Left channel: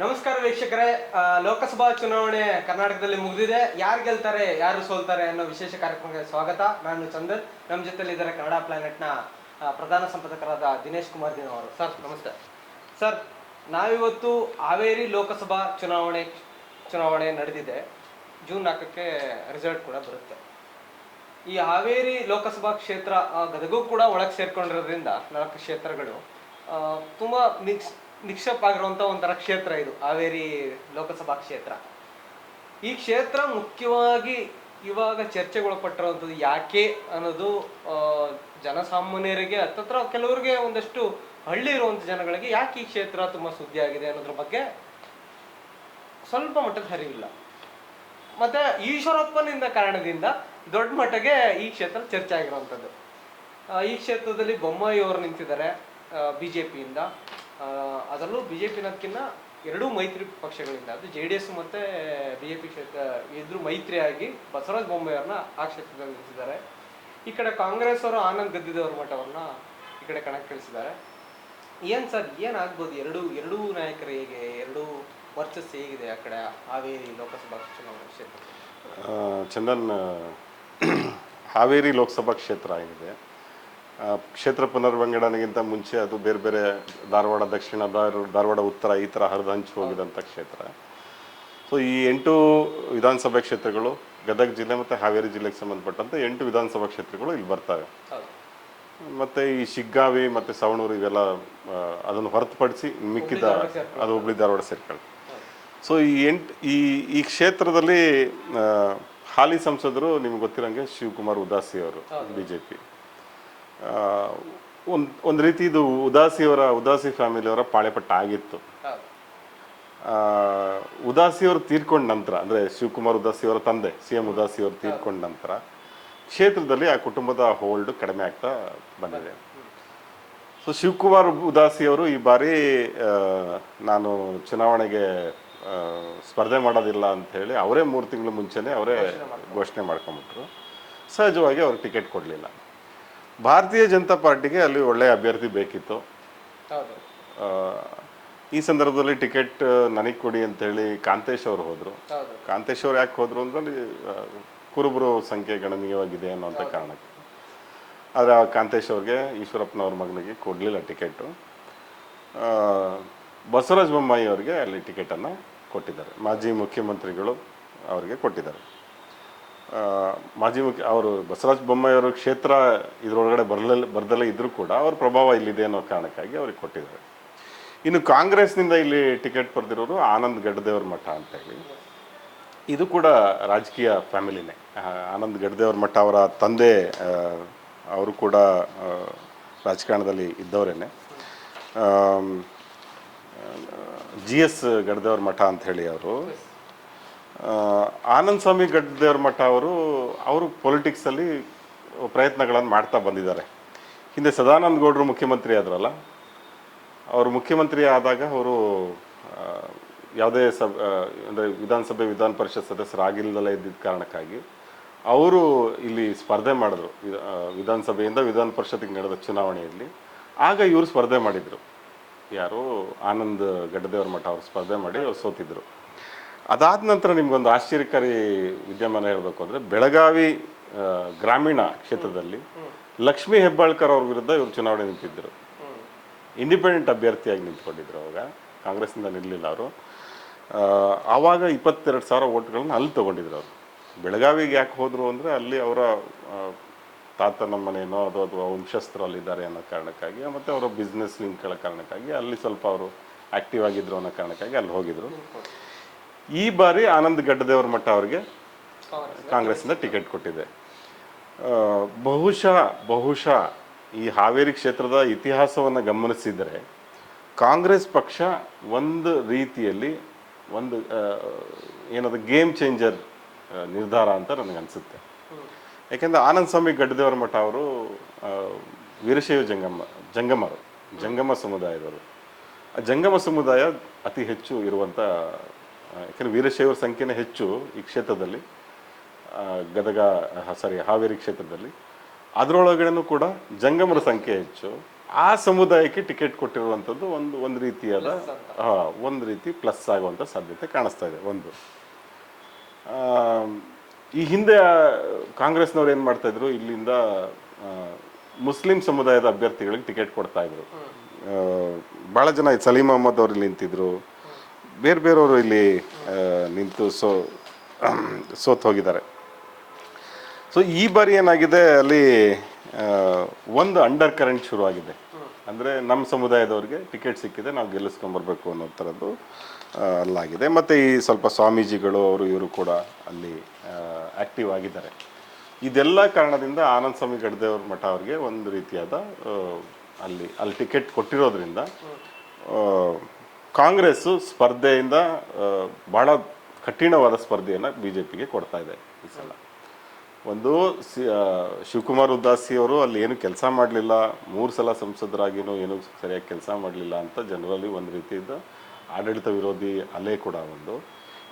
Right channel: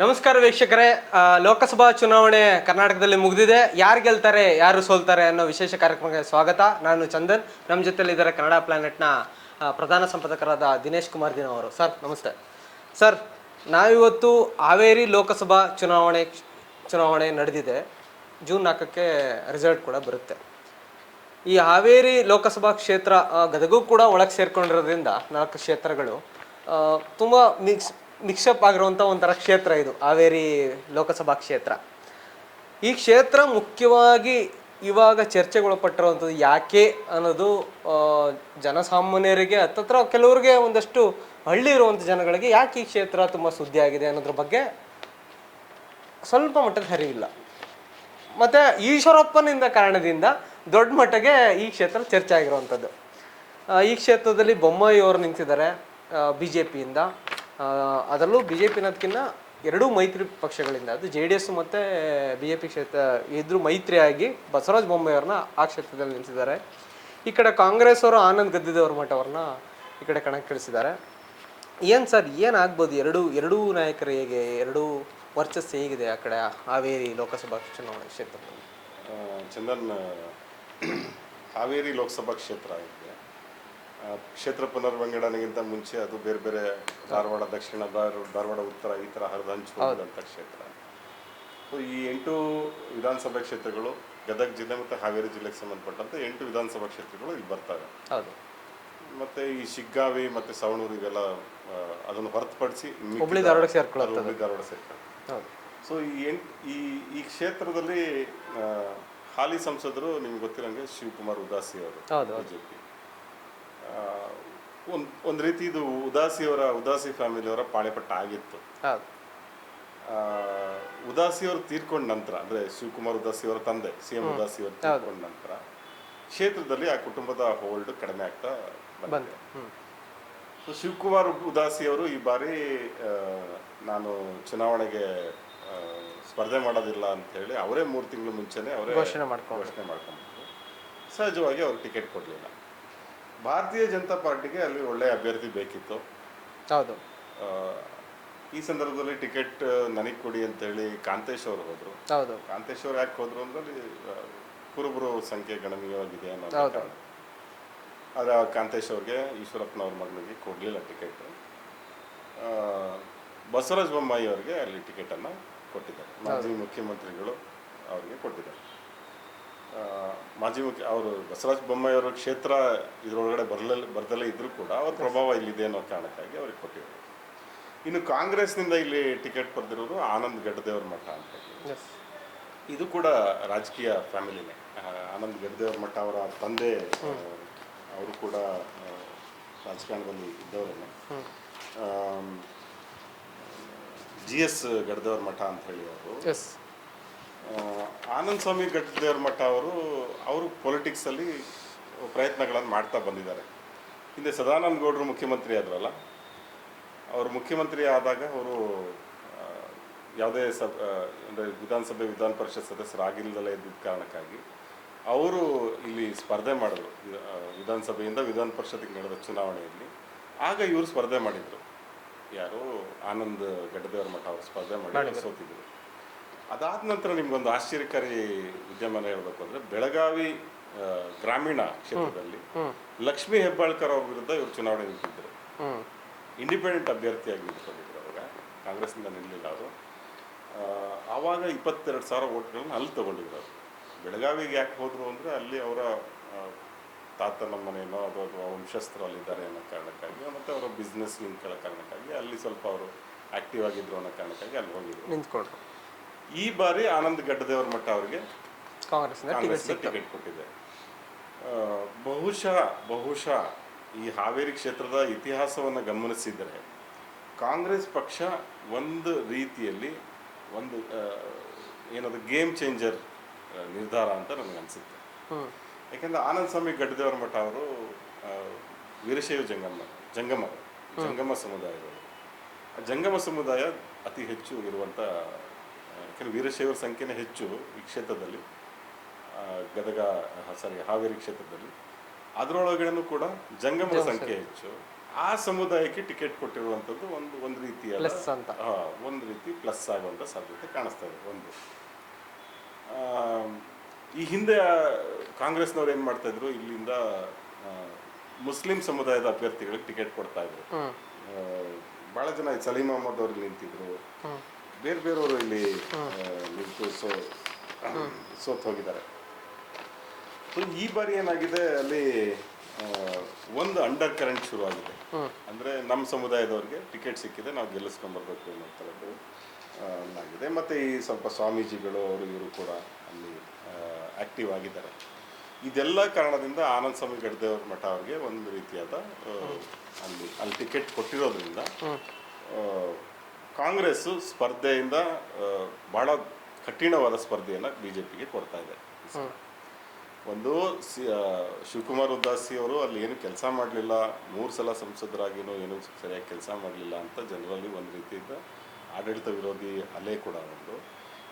ನಮಸ್ಕಾರ ವೀಕ್ಷಕರೇ. ಲೋಕಸಭಾ ಚುನಾವಣೆ ಕರ್ನಾಟಕದಲ್ಲಿ ಮುಗಿದಿದೆ. ಯಾರು ಗೆಲ್ತಾರೆ ಯಾರು ಸೋಲ್ತಾರೆ ಅನ್ನೋ ವಿಶೇಷ ಕಾರ್ಯಕ್ರಮಕ್ಕೆ ಸ್ವಾಗತ. ನಾನು ಚಂದನ್. ನಮ್ಮ ಜೊತೆಲಿ ಇದ್ದಾರೆ ಕನ್ನಡ ಪ್ಲಾನೆಟ್ನ ಪ್ರಧಾನ ಸಂಪಾದಕರಾದ ದಿನೇಶ್ ಕುಮಾರ್ ದಿನ ಅವರು. ಸರ್ ನಮಸ್ತೆ. ಸರ್, ನಾವಿವತ್ತು ಹಾವೇರಿ ಲೋಕಸಭಾ ಚುನಾವಣೆ ನಡೆದಿದೆ. ಜೂನ್ 4ಕ್ಕೆ ರಿಸಲ್ಟ್ ಕೂಡ ಬರುತ್ತೆ. ಈ ಹಾವೇರಿ ಲೋಕಸಭಾ ಕ್ಷೇತ್ರ ಗದಗೂ ಕೂಡ ಒಳಗೆ ಸೇರ್ಕೊಂಡಿರೋದ್ರಿಂದ 4 ಕ್ಷೇತ್ರಗಳು ತುಂಬ ನಿಕ್ಷೇಪ ಆಗಿರುವಂಥ ಒಂಥರ ಕ್ಷೇತ್ರ ಇದು ಹಾವೇರಿ ಲೋಕಸಭಾ ಕ್ಷೇತ್ರ. ಈ ಕ್ಷೇತ್ರ ಮುಖ್ಯವಾಗಿ ಇವಾಗ ಚರ್ಚೆಗೊಳಪಟ್ಟಿರುವಂಥದ್ದು ಯಾಕೆ ಅನ್ನೋದು ಜನಸಾಮಾನ್ಯರಿಗೆ ಹತ್ತತ್ರ ಕೆಲವರಿಗೆ ಒಂದಷ್ಟು ಹಳ್ಳಿ ಇರುವಂಥ ಜನಗಳಿಗೆ ಯಾಕೆ ಈ ಕ್ಷೇತ್ರ ತುಂಬ ಸುದ್ದಿ ಆಗಿದೆ ಅನ್ನೋದ್ರ ಬಗ್ಗೆ ಸ್ವಲ್ಪ ಮಟ್ಟದ ಅರಿವಿಲ್ಲ. ಮತ್ತು ಈಶ್ವರಪ್ಪನಿಂದ ಕಾರಣದಿಂದ ದೊಡ್ಡ ಮಟ್ಟಿಗೆ ಈ ಕ್ಷೇತ್ರ ಚರ್ಚೆ ಆಗಿರುವಂಥದ್ದು. ಈ ಕ್ಷೇತ್ರದಲ್ಲಿ ಬೊಮ್ಮಾಯಿ ಅವರು ನಿಂತಿದ್ದಾರೆ BJPಯಿಂದ. ಅದರಲ್ಲೂ BJP ಅನ್ನೋದಕ್ಕಿಂತ ಎರಡೂ ಮೈತ್ರಿ ಪಕ್ಷಗಳಿಂದ, ಅದು JDS ಮತ್ತು BJP ಕ್ಷೇತ್ರ ಇದ್ರು ಮೈತ್ರಿಯಾಗಿ ಬಸವರಾಜ ಬೊಮ್ಮಾಯಿ ಅವ್ರನ್ನ ಆ ಕ್ಷೇತ್ರದಲ್ಲಿ ನಿಲ್ಸಿದ್ದಾರೆ. ಈ ಕಡೆ ಕಾಂಗ್ರೆಸ್ ಅವರು ಆನಂದ್ ಗದ್ದಿದೇವ್ರ ಮಠ ಅವ್ರನ್ನ ಈ ಕಡೆ ಕಣಕ್ಕಿಳಿಸಿದ್ದಾರೆ. ಏನು ಸರ್, ಏನಾಗ್ಬೋದು? ಎರಡೂ ನಾಯಕರು ಹೇಗೆ, ಎರಡೂ ವರ್ಚಸ್ಸು ಹೇಗಿದೆ ಆ ಕಡೆ ಹಾವೇರಿ ಲೋಕಸಭಾ ಚುನಾವಣೆ ಕ್ಷೇತ್ರ? ಚಂದನ್, ಹಾವೇರಿ ಲೋಕಸಭಾ ಕ್ಷೇತ್ರ ಆಗಿದೆ. ಕ್ಷೇತ್ರ ಪುನರ್ವಿಂಗಡಣೆಗಿಂತ ಮುಂಚೆ ಅದು ಬೇರೆ ಬೇರೆ ಧಾರವಾಡ ದಕ್ಷಿಣ, ಧಾರವಾಡ ಉತ್ತರ, ಈ ಥರ ಹರಿದು ಹಂಚಿ ಹೋಗಿದಂಥ ಕ್ಷೇತ್ರ. ಸೊ ಈ 8 ವಿಧಾನಸಭಾ ಕ್ಷೇತ್ರಗಳು ಗದಗ ಜಿಲ್ಲೆ ಮತ್ತು ಹಾವೇರಿ ಜಿಲ್ಲೆಗೆ ಸಂಬಂಧಪಟ್ಟಂತೆ 8 ವಿಧಾನಸಭಾ ಕ್ಷೇತ್ರಗಳು ಇಲ್ಲಿ ಬರ್ತವೆ. ಮತ್ತು ಈ ಶಿಗ್ಗಾವಿ ಮತ್ತು ಸವಣೂರು ಇವೆಲ್ಲ ಅದನ್ನು ಹೊರತುಪಡಿಸಿ ಮಿಕ್ಕಿದ ಅದು ಹುಬ್ಳಿ ಧಾರವಾಡ ಸೇರ್ಕೊಳ್ಳುತ್ತೆ. ಸೊ ಈ ಕ್ಷೇತ್ರದಲ್ಲಿ ಹಾಲಿ ಸಂಸದರು ನಿಮ್ಗೆ ಗೊತ್ತಿರೋಂಗೆ ಶಿವಕುಮಾರ್ ಉದಾಸಿ ಅವರು BJP. ಒಂದು ರೀತಿ ಇದು ಉದಾಸಿ ಫ್ಯಾಮಿಲಿಯವರ ಪಾಳೆಪಟ್ಟ ಆಗಿತ್ತು. ಉದಾಸಿಯವರು ತೀರ್ಕೊಂಡ ನಂತರ, ಅಂದರೆ ಶಿವಕುಮಾರ್ ಉದಾಸಿಯವರ ತಂದೆ CM ಉದಾಸಿಯವರು ತೀರ್ಕೊಂಡ ನಂತರ ಕ್ಷೇತ್ರದಲ್ಲಿ ಆ ಕುಟುಂಬದ ಹೋಲ್ಡ್ ಕಡಿಮೆ ಆಗ್ತಾ ಬಂದಿದೆ. ಸೊ ಶಿವಕುಮಾರ್ ಉದಾಸಿಯವರು ಈ ಬಾರಿ ನಾನು ಚುನಾವಣೆಗೆ ಸ್ಪರ್ಧೆ ಮಾಡೋದಿಲ್ಲ ಅಂತ ಹೇಳಿ ಅವರೇ 3 ತಿಂಗಳ ಮುಂಚೆನೆ ಅವರೇ ಘೋಷಣೆ ಮಾಡ್ಕೊಂಡ್ಬಿಟ್ರು. ಸಹಜವಾಗಿ ಅವ್ರಿಗೆ ಟಿಕೆಟ್ ಕೊಡಲಿಲ್ಲ. ಭಾರತೀಯ ಜನತಾ ಪಾರ್ಟಿಗೆ ಅಲ್ಲಿ ಒಳ್ಳೆಯ ಅಭ್ಯರ್ಥಿ ಬೇಕಿತ್ತು. ಈ ಸಂದರ್ಭದಲ್ಲಿ ಟಿಕೆಟ್ ನನಗೆ ಕೊಡಿ ಅಂತೇಳಿ ಕಾಂತೇಶ್ ಅವರು ಹೋದರು. ಕಾಂತೇಶ್ ಅವ್ರು ಯಾಕೆ ಹೋದರು ಅಂದ್ರೆ ಕುರುಬರು ಸಂಖ್ಯೆ ಗಣನೀಯವಾಗಿದೆ ಅನ್ನೋಂಥ ಕಾರಣಕ್ಕೆ. ಆದರೆ ಆ ಕಾಂತೇಶ್ ಅವ್ರಿಗೆ ಈಶ್ವರಪ್ಪನವ್ರ ಮಗನಿಗೆ ಕೊಡಲಿಲ್ಲ ಟಿಕೆಟು. ಬಸವರಾಜ ಬೊಮ್ಮಾಯಿ ಅವರಿಗೆ ಅಲ್ಲಿ ಟಿಕೆಟನ್ನು ಕೊಟ್ಟಿದ್ದಾರೆ. ಮಾಜಿ ಮುಖ್ಯಮಂತ್ರಿಗಳು ಅವರಿಗೆ ಕೊಟ್ಟಿದ್ದಾರೆ. ಅವರು ಬಸವರಾಜ ಬೊಮ್ಮಾಯಿ ಅವರ ಕ್ಷೇತ್ರ ಇದರೊಳಗಡೆ ಬರ್ದಲ್ಲೇ ಇದ್ರೂ ಕೂಡ ಅವ್ರ ಪ್ರಭಾವ ಇಲ್ಲಿದೆ ಅನ್ನೋ ಕಾರಣಕ್ಕಾಗಿ ಅವ್ರಿಗೆ ಕೊಟ್ಟಿದ್ದಾರೆ. ಇನ್ನು ಕಾಂಗ್ರೆಸ್ನಿಂದ ಇಲ್ಲಿ ಟಿಕೆಟ್ ಪಡೆದಿರೋರು ಆನಂದ್ ಗಡ್ದೇವ್ರ ಮಠ ಅಂತ ಹೇಳಿ. ಇದು ಕೂಡ ರಾಜಕೀಯ ಫ್ಯಾಮಿಲಿನೇ. ಆನಂದ್ ಗಡ್ದೇವ್ರ ಮಠ ಅವರ ತಂದೆ ಅವರು ಕೂಡ ರಾಜಕಾರಣದಲ್ಲಿ ಇದ್ದವರೇನೆ. GS ಗಡ್ದೇವ್ರ ಮಠ ಅಂತ ಹೇಳಿ ಅವರು. ಆನಂದ್ ಸ್ವಾಮಿ ಗಡ್ದೇವ್ರ ಮಠ ಅವರು ಪೊಲಿಟಿಕ್ಸಲ್ಲಿ ಪ್ರಯತ್ನಗಳನ್ನು ಮಾಡ್ತಾ ಬಂದಿದ್ದಾರೆ. ಹಿಂದೆ ಸದಾನಂದ ಗೌಡರು ಮುಖ್ಯಮಂತ್ರಿ ಆದ್ರಲ್ಲ, ಅವರು ಮುಖ್ಯಮಂತ್ರಿ ಆದಾಗ ಅವರು ಯಾವುದೇ ಅಂದರೆ ವಿಧಾನಸಭೆ ವಿಧಾನ ಪರಿಷತ್ ಸದಸ್ಯರಾಗಿಲ್ಲದಲ್ಲೇ ಇದ್ದಿದ್ದ ಕಾರಣಕ್ಕಾಗಿ ಅವರು ಇಲ್ಲಿ ಸ್ಪರ್ಧೆ ಮಾಡಿದ್ರು. ವಿಧಾನಸಭೆಯಿಂದ ವಿಧಾನ ಪರಿಷತ್ತಿಗೆ ನಡೆದ ಚುನಾವಣೆಯಲ್ಲಿ ಆಗ ಇವರು ಸ್ಪರ್ಧೆ ಮಾಡಿದರು. ಯಾರು? ಆನಂದ್ ಗಡ್ದೇವ್ರ ಮಠ ಅವರು ಸ್ಪರ್ಧೆ ಮಾಡಿ ಅವ್ರು ಸೋತಿದ್ರು. ಅದಾದ ನಂತರ ನಿಮ್ಗೊಂದು ಆಶ್ಚರ್ಯಕಾರಿ ವಿದ್ಯಮಾನ ಹೇಳಬೇಕು ಅಂದರೆ, ಬೆಳಗಾವಿ ಗ್ರಾಮೀಣ ಕ್ಷೇತ್ರದಲ್ಲಿ ಲಕ್ಷ್ಮೀ ಹೆಬ್ಬಾಳ್ಕರ್ ಅವ್ರ ವಿರುದ್ಧ ಇವರು ಚುನಾವಣೆ ನಿಂತಿದ್ದರು. ಇಂಡಿಪೆಂಡೆಂಟ್ ಅಭ್ಯರ್ಥಿಯಾಗಿ ನಿಂತ್ಕೊಂಡಿದ್ರು. ಅವಾಗ ಕಾಂಗ್ರೆಸ್ನಿಂದ ನಿಲ್ಲಲಿಲ್ಲ ಅವರು. ಆವಾಗ 22,000 ಓಟ್ಗಳನ್ನ ಅಲ್ಲಿ ತೊಗೊಂಡಿದ್ರು ಅವರು. ಬೆಳಗಾವಿಗೆ ಯಾಕೆ ಹೋದರು ಅಂದರೆ ಅಲ್ಲಿ ಅವರ ತಾತನ ಮನೆಯೋ ಅಥವಾ ವಂಶಸ್ಥರಲ್ಲಿದ್ದಾರೆ ಅನ್ನೋ ಕಾರಣಕ್ಕಾಗಿ, ಮತ್ತು ಅವರ ಬಿಸ್ನೆಸ್ ಲಿಂಕ್ಗಳ ಕಾರಣಕ್ಕಾಗಿ ಅಲ್ಲಿ ಸ್ವಲ್ಪ ಅವರು ಆ್ಯಕ್ಟಿವ್ ಆಗಿದ್ರು ಅನ್ನೋ ಕಾರಣಕ್ಕಾಗಿ ಅಲ್ಲಿ ಹೋಗಿದ್ರು. ಈ ಬಾರಿ ಆನಂದ್ ಗಡ್ಡದೇವ್ರ ಮಠ ಅವರಿಗೆ ಕಾಂಗ್ರೆಸ್ನಿಂದ ಟಿಕೆಟ್ ಕೊಟ್ಟಿದೆ. ಬಹುಶಃ ಈ ಹಾವೇರಿ ಕ್ಷೇತ್ರದ ಇತಿಹಾಸವನ್ನು ಗಮನಿಸಿದರೆ ಕಾಂಗ್ರೆಸ್ ಪಕ್ಷ ಒಂದು ರೀತಿಯಲ್ಲಿ ಏನದು ಗೇಮ್ ಚೇಂಜರ್ ನಿರ್ಧಾರ ಅಂತ ನನಗನ್ಸುತ್ತೆ. ಯಾಕೆಂದರೆ ಆನಂದ್ ಸ್ವಾಮಿ ಗಡ್ಡದೇವ್ರ ಮಠ ಅವರು ವೀರಶೈವ ಜಂಗಮ ಸಮುದಾಯದವರು. ಜಂಗಮ ಸಮುದಾಯ ಅತಿ ಹೆಚ್ಚು ಇರುವಂಥ, ಯಾಕೆಂದರೆ ವೀರಶೈವರ ಸಂಖ್ಯೆನೇ ಹೆಚ್ಚು ಈ ಕ್ಷೇತ್ರದಲ್ಲಿ, ಹಾವೇರಿ ಕ್ಷೇತ್ರದಲ್ಲಿ. ಅದರೊಳಗಡೆನೂ ಕೂಡ ಜಂಗಮರ ಸಂಖ್ಯೆ ಹೆಚ್ಚು. ಆ ಸಮುದಾಯಕ್ಕೆ ಟಿಕೆಟ್ ಕೊಟ್ಟಿರುವಂಥದ್ದು ಒಂದು ರೀತಿಯಾದ Plus ಅಂತ. ಒಂದು ರೀತಿ ಪ್ಲಸ್ ಆಗುವಂಥ ಸಾಧ್ಯತೆ ಕಾಣಿಸ್ತಾ ಇದೆ ಒಂದು. ಆ, ಈ ಹಿಂದೆ ಕಾಂಗ್ರೆಸ್ನವ್ರು ಏನು ಮಾಡ್ತಾ ಇದ್ರು, ಇಲ್ಲಿಂದ ಆ, ಮುಸ್ಲಿಂ ಸಮುದಾಯದ ಅಭ್ಯರ್ಥಿಗಳಿಗೆ ಟಿಕೆಟ್ ಕೊಡ್ತಾ ಇದ್ರು. ಭಾಳ ಜನ ಸಲೀಂ ಅಹಮದ್ ಅವರು ಇಲ್ಲಿ ನಿಂತಿದ್ರು, ಬೇರೆ ಬೇರೆಯವರು ಇಲ್ಲಿ ನಿಂತು ಸೋತ್ ಹೋಗಿದ್ದಾರೆ. ಸೊ ಈ ಬಾರಿ ಏನಾಗಿದೆ, ಅಲ್ಲಿ ಒಂದು ಅಂಡರ್ ಕರೆಂಟ್ ಶುರುವಾಗಿದೆ. ಅಂದರೆ ನಮ್ಮ ಸಮುದಾಯದವ್ರಿಗೆ ಟಿಕೆಟ್ ಸಿಕ್ಕಿದೆ, ನಾವು ಗೆಲ್ಲಿಸ್ಕೊಂಬರ್ಬೇಕು ಅನ್ನೋ ಥರದ್ದು ಅಲ್ಲಾಗಿದೆ. ಮತ್ತು ಈ ಸ್ವಲ್ಪ ಸ್ವಾಮೀಜಿಗಳು ಅವರು ಇವರು ಕೂಡ ಅಲ್ಲಿ ಆ್ಯಕ್ಟಿವ್ ಆಗಿದ್ದಾರೆ. ಇದೆಲ್ಲ ಕಾರಣದಿಂದ ಆನಂದ್ ಸ್ವಾಮಿ ಗಡ್ದೇವ್ರ ಮಠ ಅವ್ರಿಗೆ ಒಂದು ರೀತಿಯಾದ ಅಲ್ಲಿ ಟಿಕೆಟ್ ಕೊಟ್ಟಿರೋದ್ರಿಂದ ಕಾಂಗ್ರೆಸ್ಸು ಸ್ಪರ್ಧೆಯಿಂದ ಭಾಳ ಕಠಿಣವಾದ ಸ್ಪರ್ಧೆಯನ್ನು ಬಿ ಜೆ ಪಿಗೆ ಕೊಡ್ತಾ ಇದೆ ಈ ಸಲ. ಒಂದು ಶಿವಕುಮಾರ್ ಉದಾಸಿ ಅವರು ಅಲ್ಲಿ ಏನು ಕೆಲಸ ಮಾಡಲಿಲ್ಲ, 3 ಸಲ ಸಂಸದರಾಗಿನೂ ಏನು ಸರಿಯಾಗಿ ಕೆಲಸ ಮಾಡಲಿಲ್ಲ ಅಂತ ಜನರಲ್ಲಿ ಒಂದು ರೀತಿಯಿಂದ ಆಡಳಿತ ವಿರೋಧಿ ಅಲೆ ಕೂಡ ಒಂದು.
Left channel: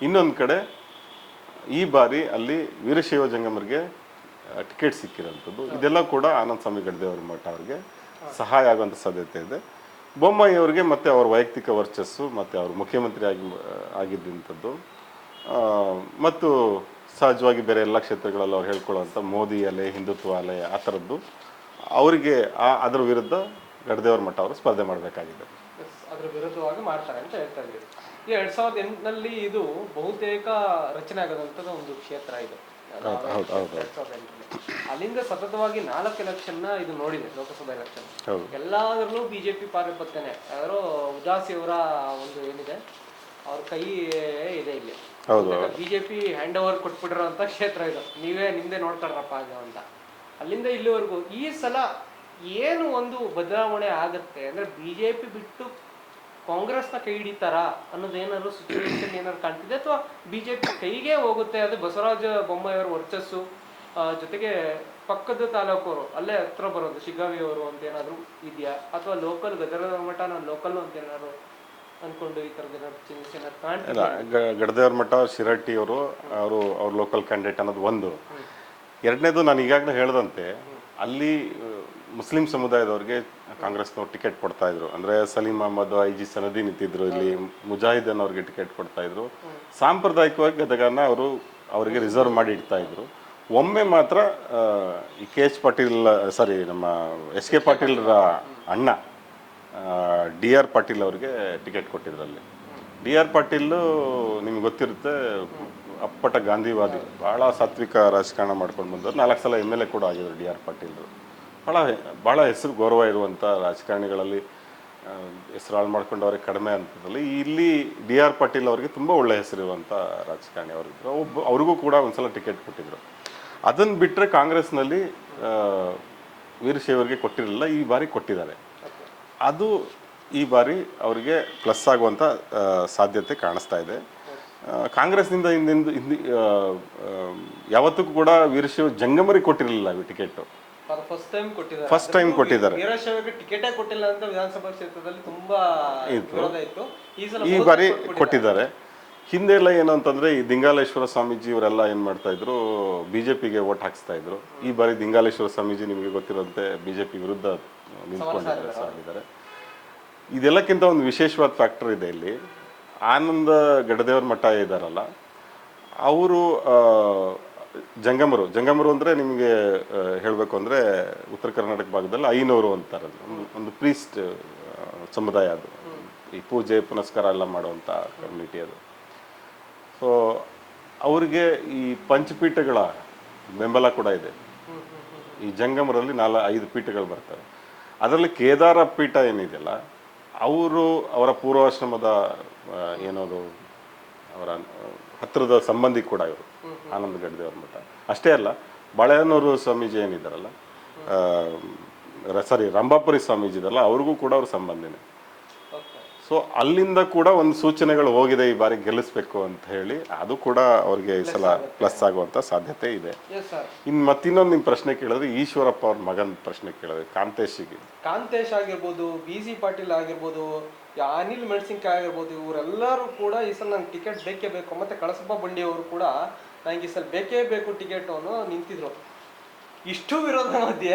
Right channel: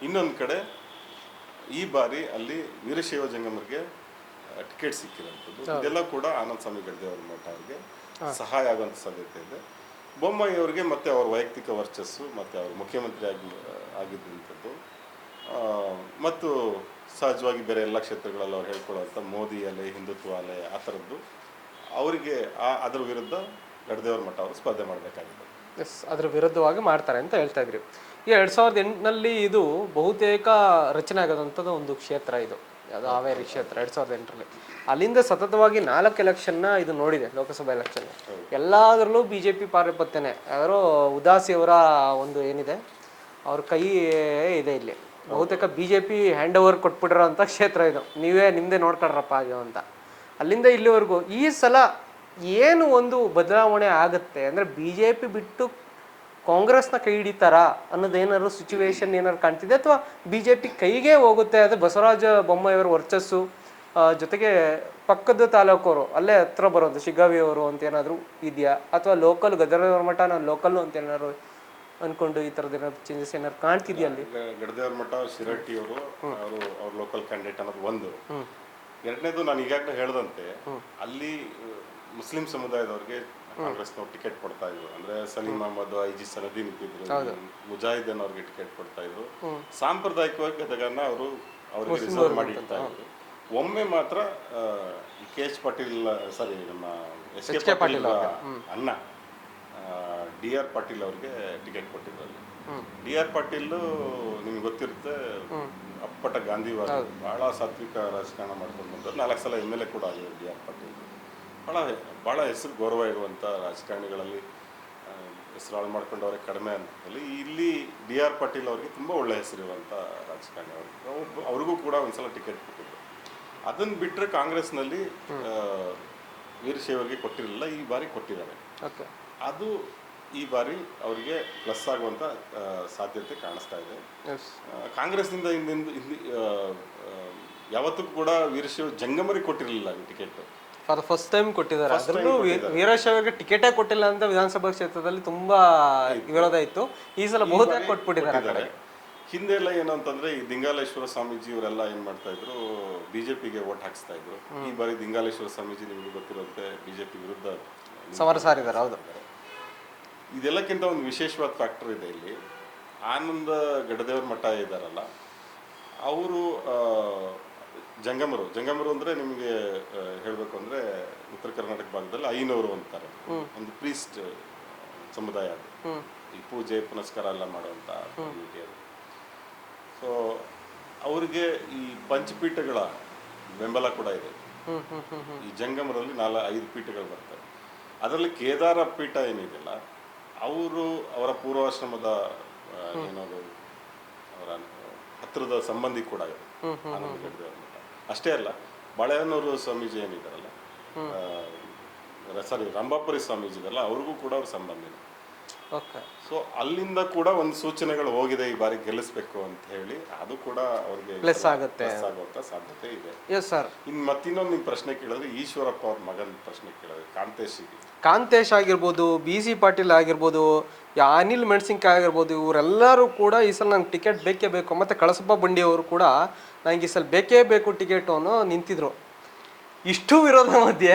ಇನ್ನೊಂದು ಕಡೆ ಈ ಬಾರಿ ಅಲ್ಲಿ ವೀರಶೈವ ಜಂಗಮರಿಗೆ ಟಿಕೆಟ್ ಸಿಕ್ಕಿರೋಂಥದ್ದು, ಇದೆಲ್ಲ ಕೂಡ ಆನಂದ್ ಸ್ವಾಮಿ ಗಡ್ದೇವ್ರ ಮಠ ಅವರಿಗೆ ಸಹಾಯ ಆಗುವಂಥ ಸಾಧ್ಯತೆ ಇದೆ. ಬೊಮ್ಮಾಯಿ ಅವರಿಗೆ ಮತ್ತು ಅವ್ರ ವೈಯಕ್ತಿಕ ವರ್ಚಸ್ಸು ಮತ್ತು ಅವ್ರ ಮುಖ್ಯಮಂತ್ರಿ ಆಗಿದ್ದಂಥದ್ದು ಮತ್ತು ಸಹಜವಾಗಿ ಬೇರೆ ಎಲ್ಲ ಕ್ಷೇತ್ರಗಳಲ್ಲಿ ಅವ್ರು ಹೇಳ್ಕೊಳ್ಳುವಂಥ ಮೋದಿ ಅಲೆ, ಹಿಂದುತ್ವ ಅಲೆ, ಆ ಥರದ್ದು ಅವರಿಗೆ ಅದರ ವಿರುದ್ಧ ಗಡ್ದೇವ್ರ ಮಠ ಅವರು ಸ್ಪರ್ಧೆ ಮಾಡಬೇಕಾಗಿದೆ. ಎಸ್, ಅದ್ರ ವಿರುದ್ಧವಾಗಿ ಮಾಡ್ತಾರೆ ಅಂತ ಹೇಳ್ತಾ ಇದ್ರಿ. ಈ 2008ನಲ್ಲಿ ಇದು ಬಹುತೇಕ ರಚನೆ ಆಗೋದಂಥದ್ದು ಒಂದು ಕ್ಷೇತ್ರ ಇದು, ಹಾವೇರಿ ಕ್ಷೇತ್ರ. 2008ರಲ್ಲಿ ಅಲ್ಲಿಂದ ಸತತವಾಗಿ 4 ಎಲೆಕ್ಷನ್ನ ಇದು ನೋಡಿದೆ, ಲೋಕಸಭಾ ಎಲೆಕ್ಷನ್. ಎಲ್ಲದರಲ್ಲೂ ಬಿಜೆಪಿ ಪಾರಪತ್ತನೆ. ಯಾರೋ ಉದಾಸಿಯವರ ಒಂದು ಏನಿದೆ, ಅವ್ರ ಕೈ ಇದೆ ಇಲ್ಲಿ. ಬಹುತೇಕ ಬಿಜೆಪಿ ಹ್ಯಾಂಡ್ ಓವರ್ ಕೊಟ್ಬಿಟ್ಟಿರೋ ಅಂತ ಕ್ಷೇತ್ರ ಇದು, ನೀವೇ ನಿಮ್ದೇ ನೋಡ್ಕೊಳ್ರಪ್ಪ ಅದು ಅಂತ. ಅಲ್ಲಿಂದ ಇಲ್ಲಿವರೆಗೂ ಈ ಸಲ ಏನು ಒಂದು ಬದಲಾವಣೆ ಆಗುತ್ತೆ ಅಂದ್ರೆ, ಬಿಜೆಪಿ ಬಿಟ್ಟು ಕಾಂಗ್ರೆಸ್ನ ಕೈ ಹಿಡಿತಾರ ಅನ್ನೋದೇನಾದ್ರು ಸಿಚುವೇಶನ್ ಏನಾದ್ರು ಕಾಣ್ತಿದೆ, ಅಥವಾ ಬಿಜೆಪಿ ಕೈಗೆ ಹೋಗುತ್ತೆ? ಅದು ಬಸವರಾಜ ಬೊಮ್ಮಾಯಿಯವರ ವರ್ಚಸ್ಸು ಜೊತೆಗೆ ಪಕ್ಕದ ತಾಲೂಕವರು ಅಲ್ಲೇ ಹತ್ರ ಬರೋದು ಶಿಗ್ಗಾವಿ ಅವರು ಅಂತ ಏನಾದ್ರು ಇದೆಯಾ, ಅಥವಾ ಲೋಕಲ್ ಗದರ ಮಠ ನಾನು ಲೋಕಲ್ ಅಂತ ಏನಾದ್ರು ಅನ್ಕೊಂಡು ಈ ಥರದ್ದು ಏನಾದ್ರು ಚೇಂಜಸ್ ಏನಾದ್ರು ಕಾಣ್ತಿದ್ಯಾ? ಗಡ್ದೇವ್ರ ಮಠ ಶಿರಟ್ಟಿ ಅವರು ಅವ್ರ ಲೋಕಲ್ ಕ್ಯಾಂಡಿಡೇಟ್ ಅನ್ನೋದು ಒಂದು. ಎರಡನೇದು, ನಾನು ಈಗಾಗಲೇ ಹೇಳ್ದಂತೆ ಅಲ್ಲಿ ಮುಸ್ಲಿಂ ಸಮುದಾಯದವ್ರಿಗೆ ಕಾಂಗ್ರೆಸ್ನವ್ರು ಟಿಕೆಟ್ ಕೊಡ್ತಾ ಇದ್ರು. ಅಂದ್ರೆ ಸಲೀಂ ಅಹಮದ್, IG ಸನದಿ ನಿಂತಿದ್ರು, ಇಲ್ಲಿ ಮುಜಾಹಿದನ್ ಅವ್ರಿಗೆ ಟಿಕೆಟ್ ಕೊಡ್ತಾ ಇದ್ರು. ಸಾಂಪ್ರದಾಯಿಕವಾಗಿ ಗದಗನ ಅವ್ರಿಗೆ ರಿಸರ್ವ್ ಮಾಡಿ ಇಡ್ತಾ ಇದ್ರು. ಒಮ್ಮೆ ಮಾತ್ರ ಈ KH ಪಾಟೀಲ್, ಸಾರಿ ನಮ್ಮ SK ಪಾಟೀಲ್ರ ಅಣ್ಣ DR ಪಾಟೀಲ್ ಅವ್ರಿಗೆ ಟಿಕೆಟ್ ಕೊಟ್ಟಿದ್ರಲ್ಲಿ. DR ಪಾಟೀಲ್ ನಿಮ್ಗೆ ಗೊತ್ತಿರುತ್ತೆ, ಅಪ್ಪಟ ಗಾಂಧಿವಾದಿ, ಬಹಳ ಸಾತ್ವಿಕ ರಾಜಕಾರಣ ಮಾಡ್ಕೊಂಡು ಬಂದವರು. 4 ಸಲ MLA ಕೂಡ ಆಗಿದ್ರು DR ಪಾಟೀಲ್. ಭಾಳ ಹೆಸರು ಗೌರವ ಇರುವಂಥ ರಾಜಕಾರಣಿಗಳಲ್ಲಿ ಹೆಸರು ಹಾಳು ಮಾಡ್ಕೊಂಡು ಅವ್ರಿಗೆ ಕಡಿಮೆ ಅಂತದಲ್ಲಿ ಇಲ್ಲಿ DR ಪಾಟೀಲ್ ಅವರಿಗೆ ತುಂಬ ಒಳ್ಳೆ ಹೆಸರಿರುವಂಥ ರಾಜಕಾರಣಿ ಅವ್ರಿಗೂ ಕೂಡ ಒಂದ್ಸಲ ಟಿಕೆಟ್ ಕೊಟ್ಟಿದ್ರು. ಅದನ್ನು ಬಿಟ್ಟರೆ ಕಾಂಗ್ರೆಸ್ನಲ್ಲಿ ವೀರಶೈವರಿಗೆ ಕೊಟ್ಟಿರಲಿಲ್ಲ, ಈ ಬಾರಿ ಕೊಟ್ಟಿದ್ದಾರೆ. ಅದು ಈ ಬಾರಿ ಅವರಿಗೆ ಪ್ಲಸ್ ಆಗುವಂಥ ಸಾಧ್ಯತೆ ಕಾಣಿಸ್ತಾ ಇದೆ. ಕಾಂಗ್ರೆಸ್ನಿಂದ ಯಾವತ್ತೂ ಕೂಡ ವೀರಶೈವ ಜಂಗಮರಿಗೆ ಕೊಟ್ಟಿರಲಿಲ್ಲ ಟಿಕೆಟ್. ಫಸ್ಟ್ ಟೈಮ್ ಕೊಟ್ಟಿದ್ದಾರೆ. ವೀರಶೈವರಿಗೆ ಟಿಕೆಟೇ ಕೊಟ್ಟಿಲ್ಲ ಅಂತ ವಿಧಾನಸಭಾ ಕ್ಷೇತ್ರದಲ್ಲಿ ತುಂಬಾ ವಿರೋಧ ಇತ್ತು. ಈ ಸಲ ಈ ಬಾರಿ ಕೊಟ್ಟಿದ್ದಾರೆ. ಹಿಂದೆ ಎಲ್ಲ ಏನು ಅಂತಂದ್ರೆ, ಈ ದಿಂಗಾಲೇಶ್ವರ ಸ್ವಾಮೀಜಿ ಇವರೆಲ್ಲ ಏನ್ ಮಾಡ್ತಾ ಇದ್ರು, ಬಿಜೆಪಿಗೆ ವೋಟ್ ಹಾಕ್ಸ್ತಾ ಇದ್ರು. ಈ ಬಾರಿ ದಿಂಗಾಲೇಶ್ವರ ಸ್ವಾಮೀಜಿ ನಿಮಗೆ ಗೊತ್ತಿರೋಂತೆ ಬಿಜೆಪಿ ವಿರುದ್ಧ ಸಾರಿದ್ದಾರೆ. ಇದೆಲ್ಲಕ್ಕಿಂತ ಒಂದು ವಿಶೇಷವಾದ ಫ್ಯಾಕ್ಟರ್ ಇದೆ ಇಲ್ಲಿ. ಆನಂದ ಗಡದೇವ್ರ ಮಠ ಇದ್ದಾರಲ್ಲ, ಅವರು ಜಂಗಮರು ಅಂದ್ರೆ ನಿಮಗೆ ಹೇಳಬೇಕು ಅಂದ್ರೆ ಉತ್ತರ ಕರ್ನಾಟಕ ಭಾಗದಲ್ಲಿ ಐನೂರು ಅಂತಾರೆ, ಒಂದು ಪ್ರೀಸ್ಟ್ ಸಮುದಾಯ. ಅದು ಈ ಪೂಜೆ ಪುನಸ್ಕಾರ ಎಲ್ಲ ಮಾಡುವಂತ ಕಮ್ಯುನಿಟಿ ಅದು. ಸೊ ಅವ್ರಿಗೆ ಈ ಪಂಚಪೀಠಗಳ ಬೆಂಬಲ ಕೂಡ ಇದೆ. ಈ ಜಂಗಮರಲ್ಲಿ 5 ಪೀಠಗಳು ಬರ್ತವೆ. ಅದರಲ್ಲಿ ಕೇದಾರ ಪೀಠ ಏನಿದೆಯಲ್ಲ, ಅವರ ಪೂರ್ವಾಶ್ರಮದ ಏನೋದು ಅವರ ಹತ್ತಿರದ ಸಂಬಂಧಿ ಕೂಡ ಇವರು ಆನಂದ ಗಡ್ದೇವ್ರ ಮಠ. ಅಷ್ಟೇ ಅಲ್ಲ, ಬಾಳೆಹೊನ್ನೂರು ಸ್ವಾಮೀಜಿ ಏನಿದ್ದಾರಲ್ಲ, ರಂಭಾಪುರಿ ಸ್ವಾಮೀಜಿ ಇದಲ್ಲ, ಅವ್ರಿಗೂ ಕೂಡ ಅವ್ರ ಸಂಬಂಧಿನೇ. ಸೊ ಅಲ್ಲಿಂದ ಕೂಡ ಒಂದು ಸೂಚನೆಗಳು ಹೋಗಿದೆ, ಈ ಬಾರಿ ಗೆಲ್ಲಿಸ್ಬೇಕು ಅಂತ ಹೇಳಿ. ಅದು ಕೂಡ ಅವ್ರಿಗೆ ಪ್ಲಸ್ ಆಗುವಂತ ಸಾಧ್ಯತೆ ಇದೆ. ಮತ್ತಿನ್ನೊಂದು ನಿಮ್ ಪ್ರಶ್ನೆ ಕೇಳಿದ್ರೆ, ಈಶ್ವರಪ್ಪ ಅವ್ರ ಮಗನ ಪ್ರಶ್ನೆ ಕೇಳಿದ್ರೆ, ಕಾಂತೇಶ್ ಆಗಿರ್ಬೋದು, BC ಪಾಟೀಲ್ ಆಗಿರ್ಬೋದು, ಅನಿಲ್ ಮೆಣಸಿನ್ಕಾಯಿ ಆಗಿರ್ಬೋದು, ಇವರೆಲ್ಲರೂ ಕೂಡ ಈ ಸಲ ನಂಗೆ ಟಿಕೆಟ್ ಬೇಕೇ ಬೇಕು. ಮತ್ತೆ ಕಳಸಪ್ಪ ಬಂಡಿ ಅವರು ಕೂಡ ನಂಗೆ ಈ ಸಲ ಬೇಕೇ ಬೇಕು ಟಿಕೆಟ್ ಅನ್ನೋ ನಿಂತಿದ್ರು. ಇಷ್ಟು ವಿರೋಧ ಮಧ್ಯೆ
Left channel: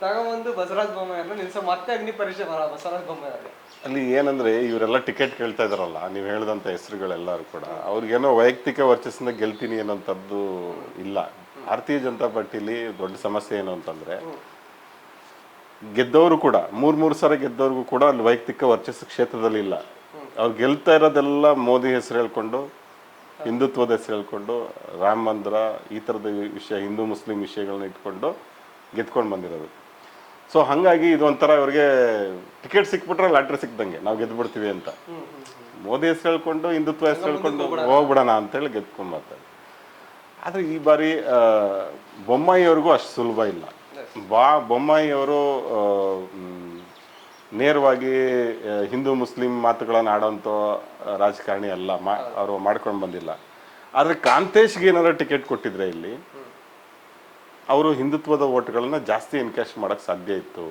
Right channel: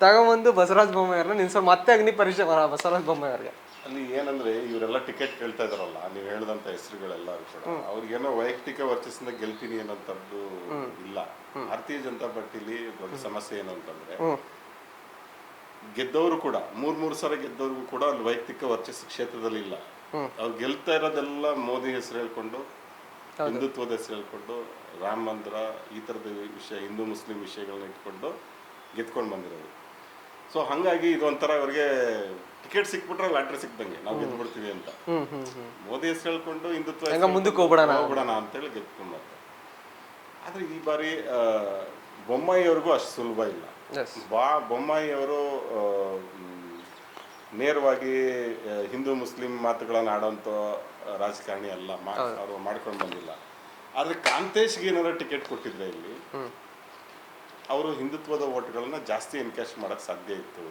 ತಗೊಂಬಂದು ಬಸವರಾಜ ಬೊಮ್ಮಾಯಿಯವ್ರನ್ನ ನಿಲ್ಸೋ ಮತ್ತೆ ಅಗ್ನಿ ಪರೀಕ್ಷೆ ಬಸವರಾಜ ಬೊಮ್ಮಾಯಿಯವ್ರಿಗೆ. ಅಲ್ಲಿ ಏನಂದ್ರೆ ಇವರೆಲ್ಲ ಟಿಕೆಟ್ ಕೇಳ್ತಾ ಇದಾರಲ್ಲ, ನೀವು ಹೇಳ್ದಂತ ಹೆಸರುಗಳೆಲ್ಲರೂ ಕೂಡ ಅವ್ರಿಗೇನೋ ವೈಯಕ್ತಿಕ ವರ್ಚಸ್ಸಿಂದ ಗೆಲ್ತೀನಿ ಅನ್ನೋಂಥದ್ದು ಇಲ್ಲ. ಭಾರತೀಯ ಜನತಾ ಪಾರ್ಟಿಲಿ ದೊಡ್ಡ ಸಮಸ್ಯೆ ಏನು ಅಂತಂದ್ರೆ, ಗೆದ್ದವರು ಕೂಡ ಮೂರ್ ಸಲ ಗೆದ್ದವ್ರಿಗೂ ಕೂಡ ಅಲ್ಲಿ ವೈಯಕ್ತಿಕ ವರ್ಚಸ್ಸು ಕ್ಷೇತ್ರದಲ್ಲಿ ಇಲ್ಲ. ಅವ್ರು ಗೆಲ್ತಾ ಇರೋದೆಲ್ಲ ಮೋದಿ ಹೆಸರು ಹೇಳ್ಕೊಂಡು, ಹಿಂದುತ್ವದ ಹೆಸರು ಹೇಳ್ಕೊಂಡು, ರಾಮ ಮಂದಿರ ಈ ಥರದ ವಿಷಯ, ಹಿಂದೂ ಮುಸ್ಲಿಂ ವಿಷಯಗಳನ್ನ ಇಟ್ಕೊಂಡು ಗೆದ್ಕೊಂಡು ಬಂದಿರೋದು. ಸೊ ಹಂಗಾಗಿ ಇದು ಒಂಥರ ಅವ್ರಿಗೆ ಟಿಕೆಟ್ ಸಿಕ್ಬಿಟ್ರೆ ಲಾಟ್ರಿ ಸಿಕ್ದಂಗೆ, ನಾವು ಗೆದ್ದು ಬಿಡ್ತೀವಿ ಅಂತ. ಮೋದಿ ಹೆಸರು ಹೇಳ್ಕೊಂಡು ಹಿಂದುತ್ವ ಹೋಗ್ಬಿಡೋಣ ಅಂತೇಳಿ ಗೆದ್ಕೊಂಡ್ ಬರ್ತಾರೆ. ಆದ್ರೆ ಈ ಬಾರಿ ಬೊಮ್ಮಾಯಿ ಅವ್ರಿಗೂ ಅಷ್ಟು ಸುಲಭ ಇಲ್ಲ. ಬೊಮ್ಮಾಯಿ ಅವರು ನೇರವಾಗಿ ಹಿಂದೂ ಮುಸ್ಲಿಂ ಮಾತುಗಳನ್ನು ಆಡೋಂಥ ರಾಜಕಾರಣಿ ಅಲ್ಲ, ಅವರು ಮಾಡ್ಕೊಂಡು ಬಂದಿಲ್ಲ. ಆದ್ರೆ ಕಾಂತೇಶ್ಗೆ ಏನಾದ್ರು ಟಿಕೆಟ್ ಕೊಟ್ಟಿದ್ರೆ ಇಲ್ಲಿ ಅವರು ಹಿಂದುತ್ವದ ಓಟ್ಗಳನ್ನ ಜಾಸ್ತಿ ಎನ್ಕ್ಯಾಶ್ ಮಾಡಕ್ ಸಾಧ್ಯ ಇತ್ತು.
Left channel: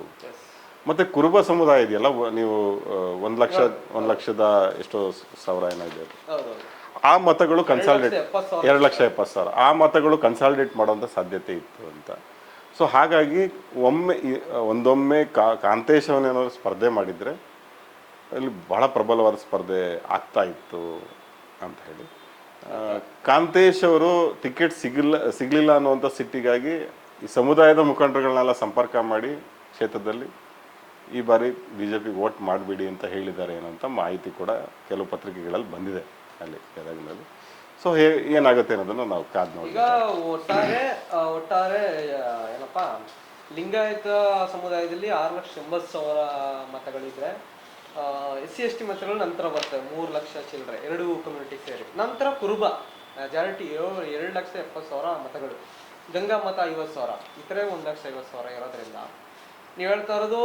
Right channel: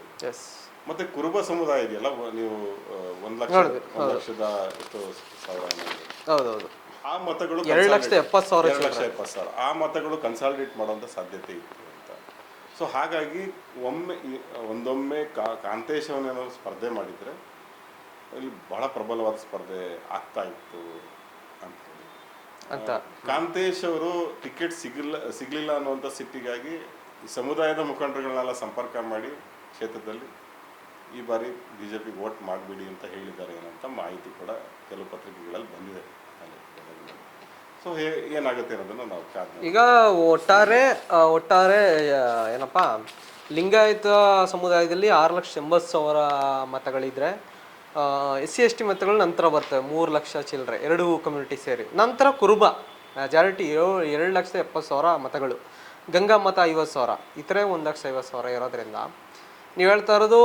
ಮತ್ತೆ ಕುರುಬ ಸಮುದಾಯ ಇದೆಯಲ್ಲ, ನೀವು 1 ಲಕ್ಷದ ಎಷ್ಟೋ ಸಾವಿರ ಏನಾಗಿದೆ, ಆ ಮತಗಳು 2,70,000 ಆ ಮತಗಳು ಕನ್ಸಾಲಿಡೇಟ್ ಮಾಡುವಂತ ಸಾಧ್ಯತೆ ಇತ್ತು ಅಂತ. ಸೊ ಹಾಗಾಗಿ ಒಂದೊಮ್ಮೆ ಕಾಂತೇಶ್ ಅವನೇನಾದ್ರು ಸ್ಪರ್ಧೆ ಮಾಡಿದ್ರೆ ಅಲ್ಲಿ ಬಹಳ ಪ್ರಬಲವಾದ ಸ್ಪರ್ಧೆ ಆಗ್ತಾ ಇತ್ತು ಅಂತ ಹೇಳಿ. ಕಾಂತೇಶ್ ಅವರು ಟಿಕೆಟ್ ಸಿಗ್ಲಿಲ್ಲ ಅನ್ನುವಂಥ ಸಿಟ್ಟಿಗಾಗಿ ಈ ಸಮುದಾಯದ ಮುಖಂಡರುಗಳನ್ನೆಲ್ಲ ಸಂಪರ್ಕ ಮಾಡಿ ಕ್ಷೇತ್ರದಲ್ಲಿ ಈ ಬಾರಿ ಬಿಜೆಪಿ ವೋಟ್ ಮಾಡಿಬಿಡಿ ಅಂತ ಹೇಳಿದ್ದಾರೆ ಏನಂತ ಮಾಹಿತಿ ಕೂಡ ಕೆಲವು ಪತ್ರಿಕೆಗಳಲ್ಲಿ ಬಂದಿದೆ ಅಲ್ಲಿ ಗದಗದಲ್ಲಿ. ಸೊ ಏನಾಗುತ್ತೆ ಅನ್ನೋದನ್ನ ನಾವು ಕಾದ್ ಈಗ ಒಟ್ಟಾರೆ ಏನಪ್ಪಾ, ಲಿಂಗಾಯತ ಸಮುದಾಯದಲ್ಲಿ 6,80,000 ಮತಗಳಿದ್ರೆ, SC/ST ಮತಗಳು ನಂತರ ಬರ್ತವೆ 3 ಲಕ್ಷ ಚಿಲ್ಲರೆ, ಎರಡು ಕಮ್ಯುನಿಟಿ ಸೇರಿ. ನಂತರ ಕುರುಬ ಮೆಜಾರಿಟಿ 2,70,000 ಮತಗಳು, ಗಂಗಾ ಮತ 50,000, ಇತರೆ 1,50,000 ಇರೋದ್ರಿಂದ ನೀವು ಹೇಳ್ತಾ ಇರೋದು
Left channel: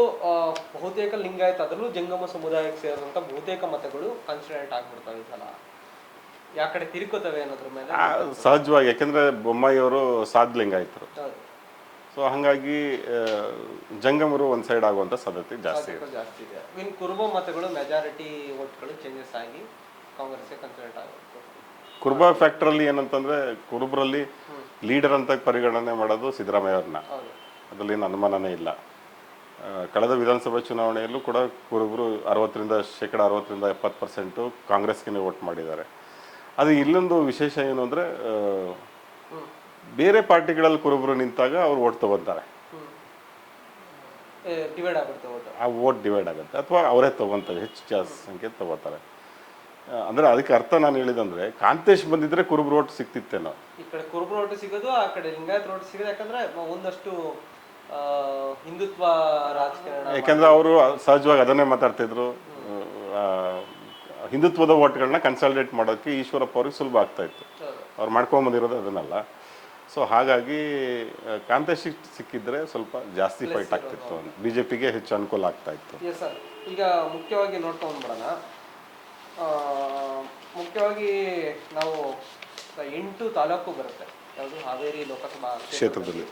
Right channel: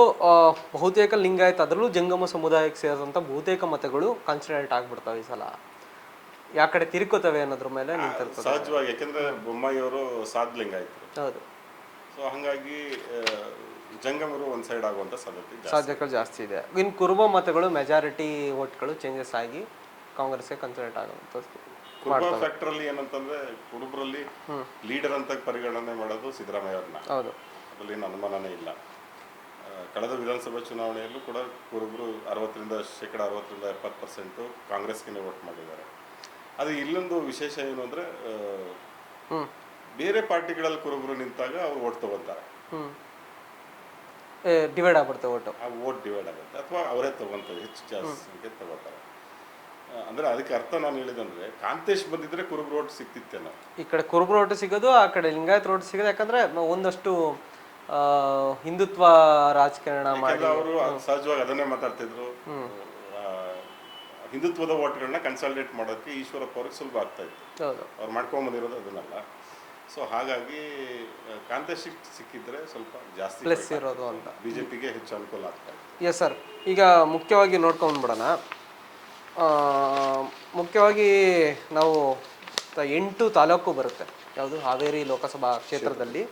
ಬಹುತೇಕ ಲಿಂಗಾಯತ, ಅದರಲ್ಲೂ ಜಂಗಮ ಸಮುದಾಯಕ್ಕೆ ಸೇರಿದಂಥ ಬಹುತೇಕ ಮತಗಳು ಕನ್ಸಿಡರೇಟ್ ಆಗ್ಬಿಡ್ತವೆ ಈ ಸಲ. ಯಾ ಕಡೆ ತಿರ್ಕೋತವೆ ಅನ್ನೋದ್ರ ಮೇಲೆ ಸಹಜವಾಗಿ, ಯಾಕಂದ್ರೆ ಬೊಮ್ಮಾಯಿ ಅವರು ಸಾದ್ ಲಿಂಗಾಯತರು. ಹೌದು. ಸೊ ಹಂಗಾಗಿ ಜಂಗಮರು ಒಂದ್ ಸೈಡ್ ಆಗುವಂತ ಸಾಧ್ಯತೆಗಳು ಜಾಸ್ತಿ ಇದೆ. ಇನ್ ಕುರುಬ ಮತಗಳು ಮೆಜಾರಿಟಿ ವೋಟ್ಗಳು ಚೇಂಜಸ್ ಆಗಿ ಕಾಂಗ್ರೆಸ್ಗೆ ಕನ್ಸಿಡರೇಟ್ ಆಗುವಂಥದ್ದು. ಕುರುಬ ಫ್ಯಾಕ್ಟರ್ ಅಲ್ಲಿ ಏನಂತಂದ್ರೆ, ಕುರುಬರಲ್ಲಿ ಲೀಡರ್ ಅಂತ ಪರಿಗಣನೆ ಮಾಡೋದು ಸಿದ್ದರಾಮಯ್ಯ ಅವ್ರನ್ನ. ಹೌದು, ಅದರಲ್ಲಿ ಏನು ಅನುಮಾನನೇ ಇಲ್ಲ. ಕಳೆದ ವಿಧಾನಸಭಾ ಚುನಾವಣೆಯಲ್ಲೂ ಕೂಡ ಕುರುಬರು 60% ಕಾಂಗ್ರೆಸ್ಗೆ ವೋಟ್ ಮಾಡಿದ್ದಾರೆ. ಅದು ಇಲ್ಲೊಂದು ವಿಶೇಷ ಏನು ಅಂದ್ರೆ, ಬೇರೆ ಪಾರ್ಟಿಗಳಲ್ಲಿ ಕುರುಬರು ನಿಂತಾಗ ಅವ್ರು ವೋಟ್ ತಗೊಂತಾರೆ, ಡಿವೈಡ್ ಆಗ್ಬಿಡ್ತಾರೆ ವೋಟ್. ಆ ವೋಟ್ ಡಿವೈಡ್ ಆಗುತ್ತೆ, ಅಥವಾ ಅವರೇ ತಗೊಂತಾರೆ, ಹೆಚ್ಚು ಸಂಖ್ಯೆ ತಗೋತಾರೆ. ಅಂದ್ರೆ ಅದಕ್ಕೆ ಅರ್ಥ ನಾನು ಹೇಳಿದಂದ್ರೆ, ಕಾಂತೇಶ್ ಬಂದಿದ್ರೆ ಕುರುಬರು ಓಟ್ ಸಿಕ್ತಿತ್ತೇನೋ. ಈ ಕಡೆ ಕುರುಬರು ಓಟ್ ಸಿಗೋದು, ಆ ಕಡೆ ಲಿಂಗಾಯತ್ ಓಟ್ ಸಿಗೋದು. ಯಾಕಂದ್ರೆ ಒಂದಷ್ಟು ಹಿಂದುತ್ವ ರಾಜಕಾರಣ, ಯಾಕಂದ್ರೆ ಅವರು ಸಹಜವಾಗಿ ಅದನ್ನೇ ಮಾತಾಡ್ತಿದ್ರು. ಹಿಂದುತ್ವದ ಓಟ್ಗಳನ್ನ ಕನ್ಸಾಲಿಡೇಟ್ ಮಾಡೋಕ್ಕೆ ಈಶ್ವರಪ್ಪ ಅವ್ರಿಗೆ ಸುಲಭ ಆಗ್ತಾ ಇತ್ತು. ಅವ್ರು ಮಾಡ್ಕೊಂಡ್ ಬಂದಿರೋದು ಅದನ್ನಲ್ಲ. ಸೊ ಹಾಗಾಗಿ ಕಾಂತೇಶ್ ಸಿಕ್ಕಿದ್ರೆ ಸ್ವಲ್ಪ ಜಾಸ್ತಿ ಬಿಜೆಪಿಗೆ ಹೆಚ್ಚು ಅನುಕೂಲ ಆಗ್ತಾ ಇತ್ತು. Yes sir. ಈಗ ಮುಖ್ಯವಾಗಿ ನೋಡ್ಕೊಂಡ್ಬಿಡೋಣ. ಮುಖ್ಯವಾಗಿ ನಾವು 8 ತಾಲೂಕು ಬರುತ್ತೆ, ಯಾವುದು ಹಾವೇರಿ ಲೋಕಸಭಾ ಕ್ಷೇತ್ರದಲ್ಲಿ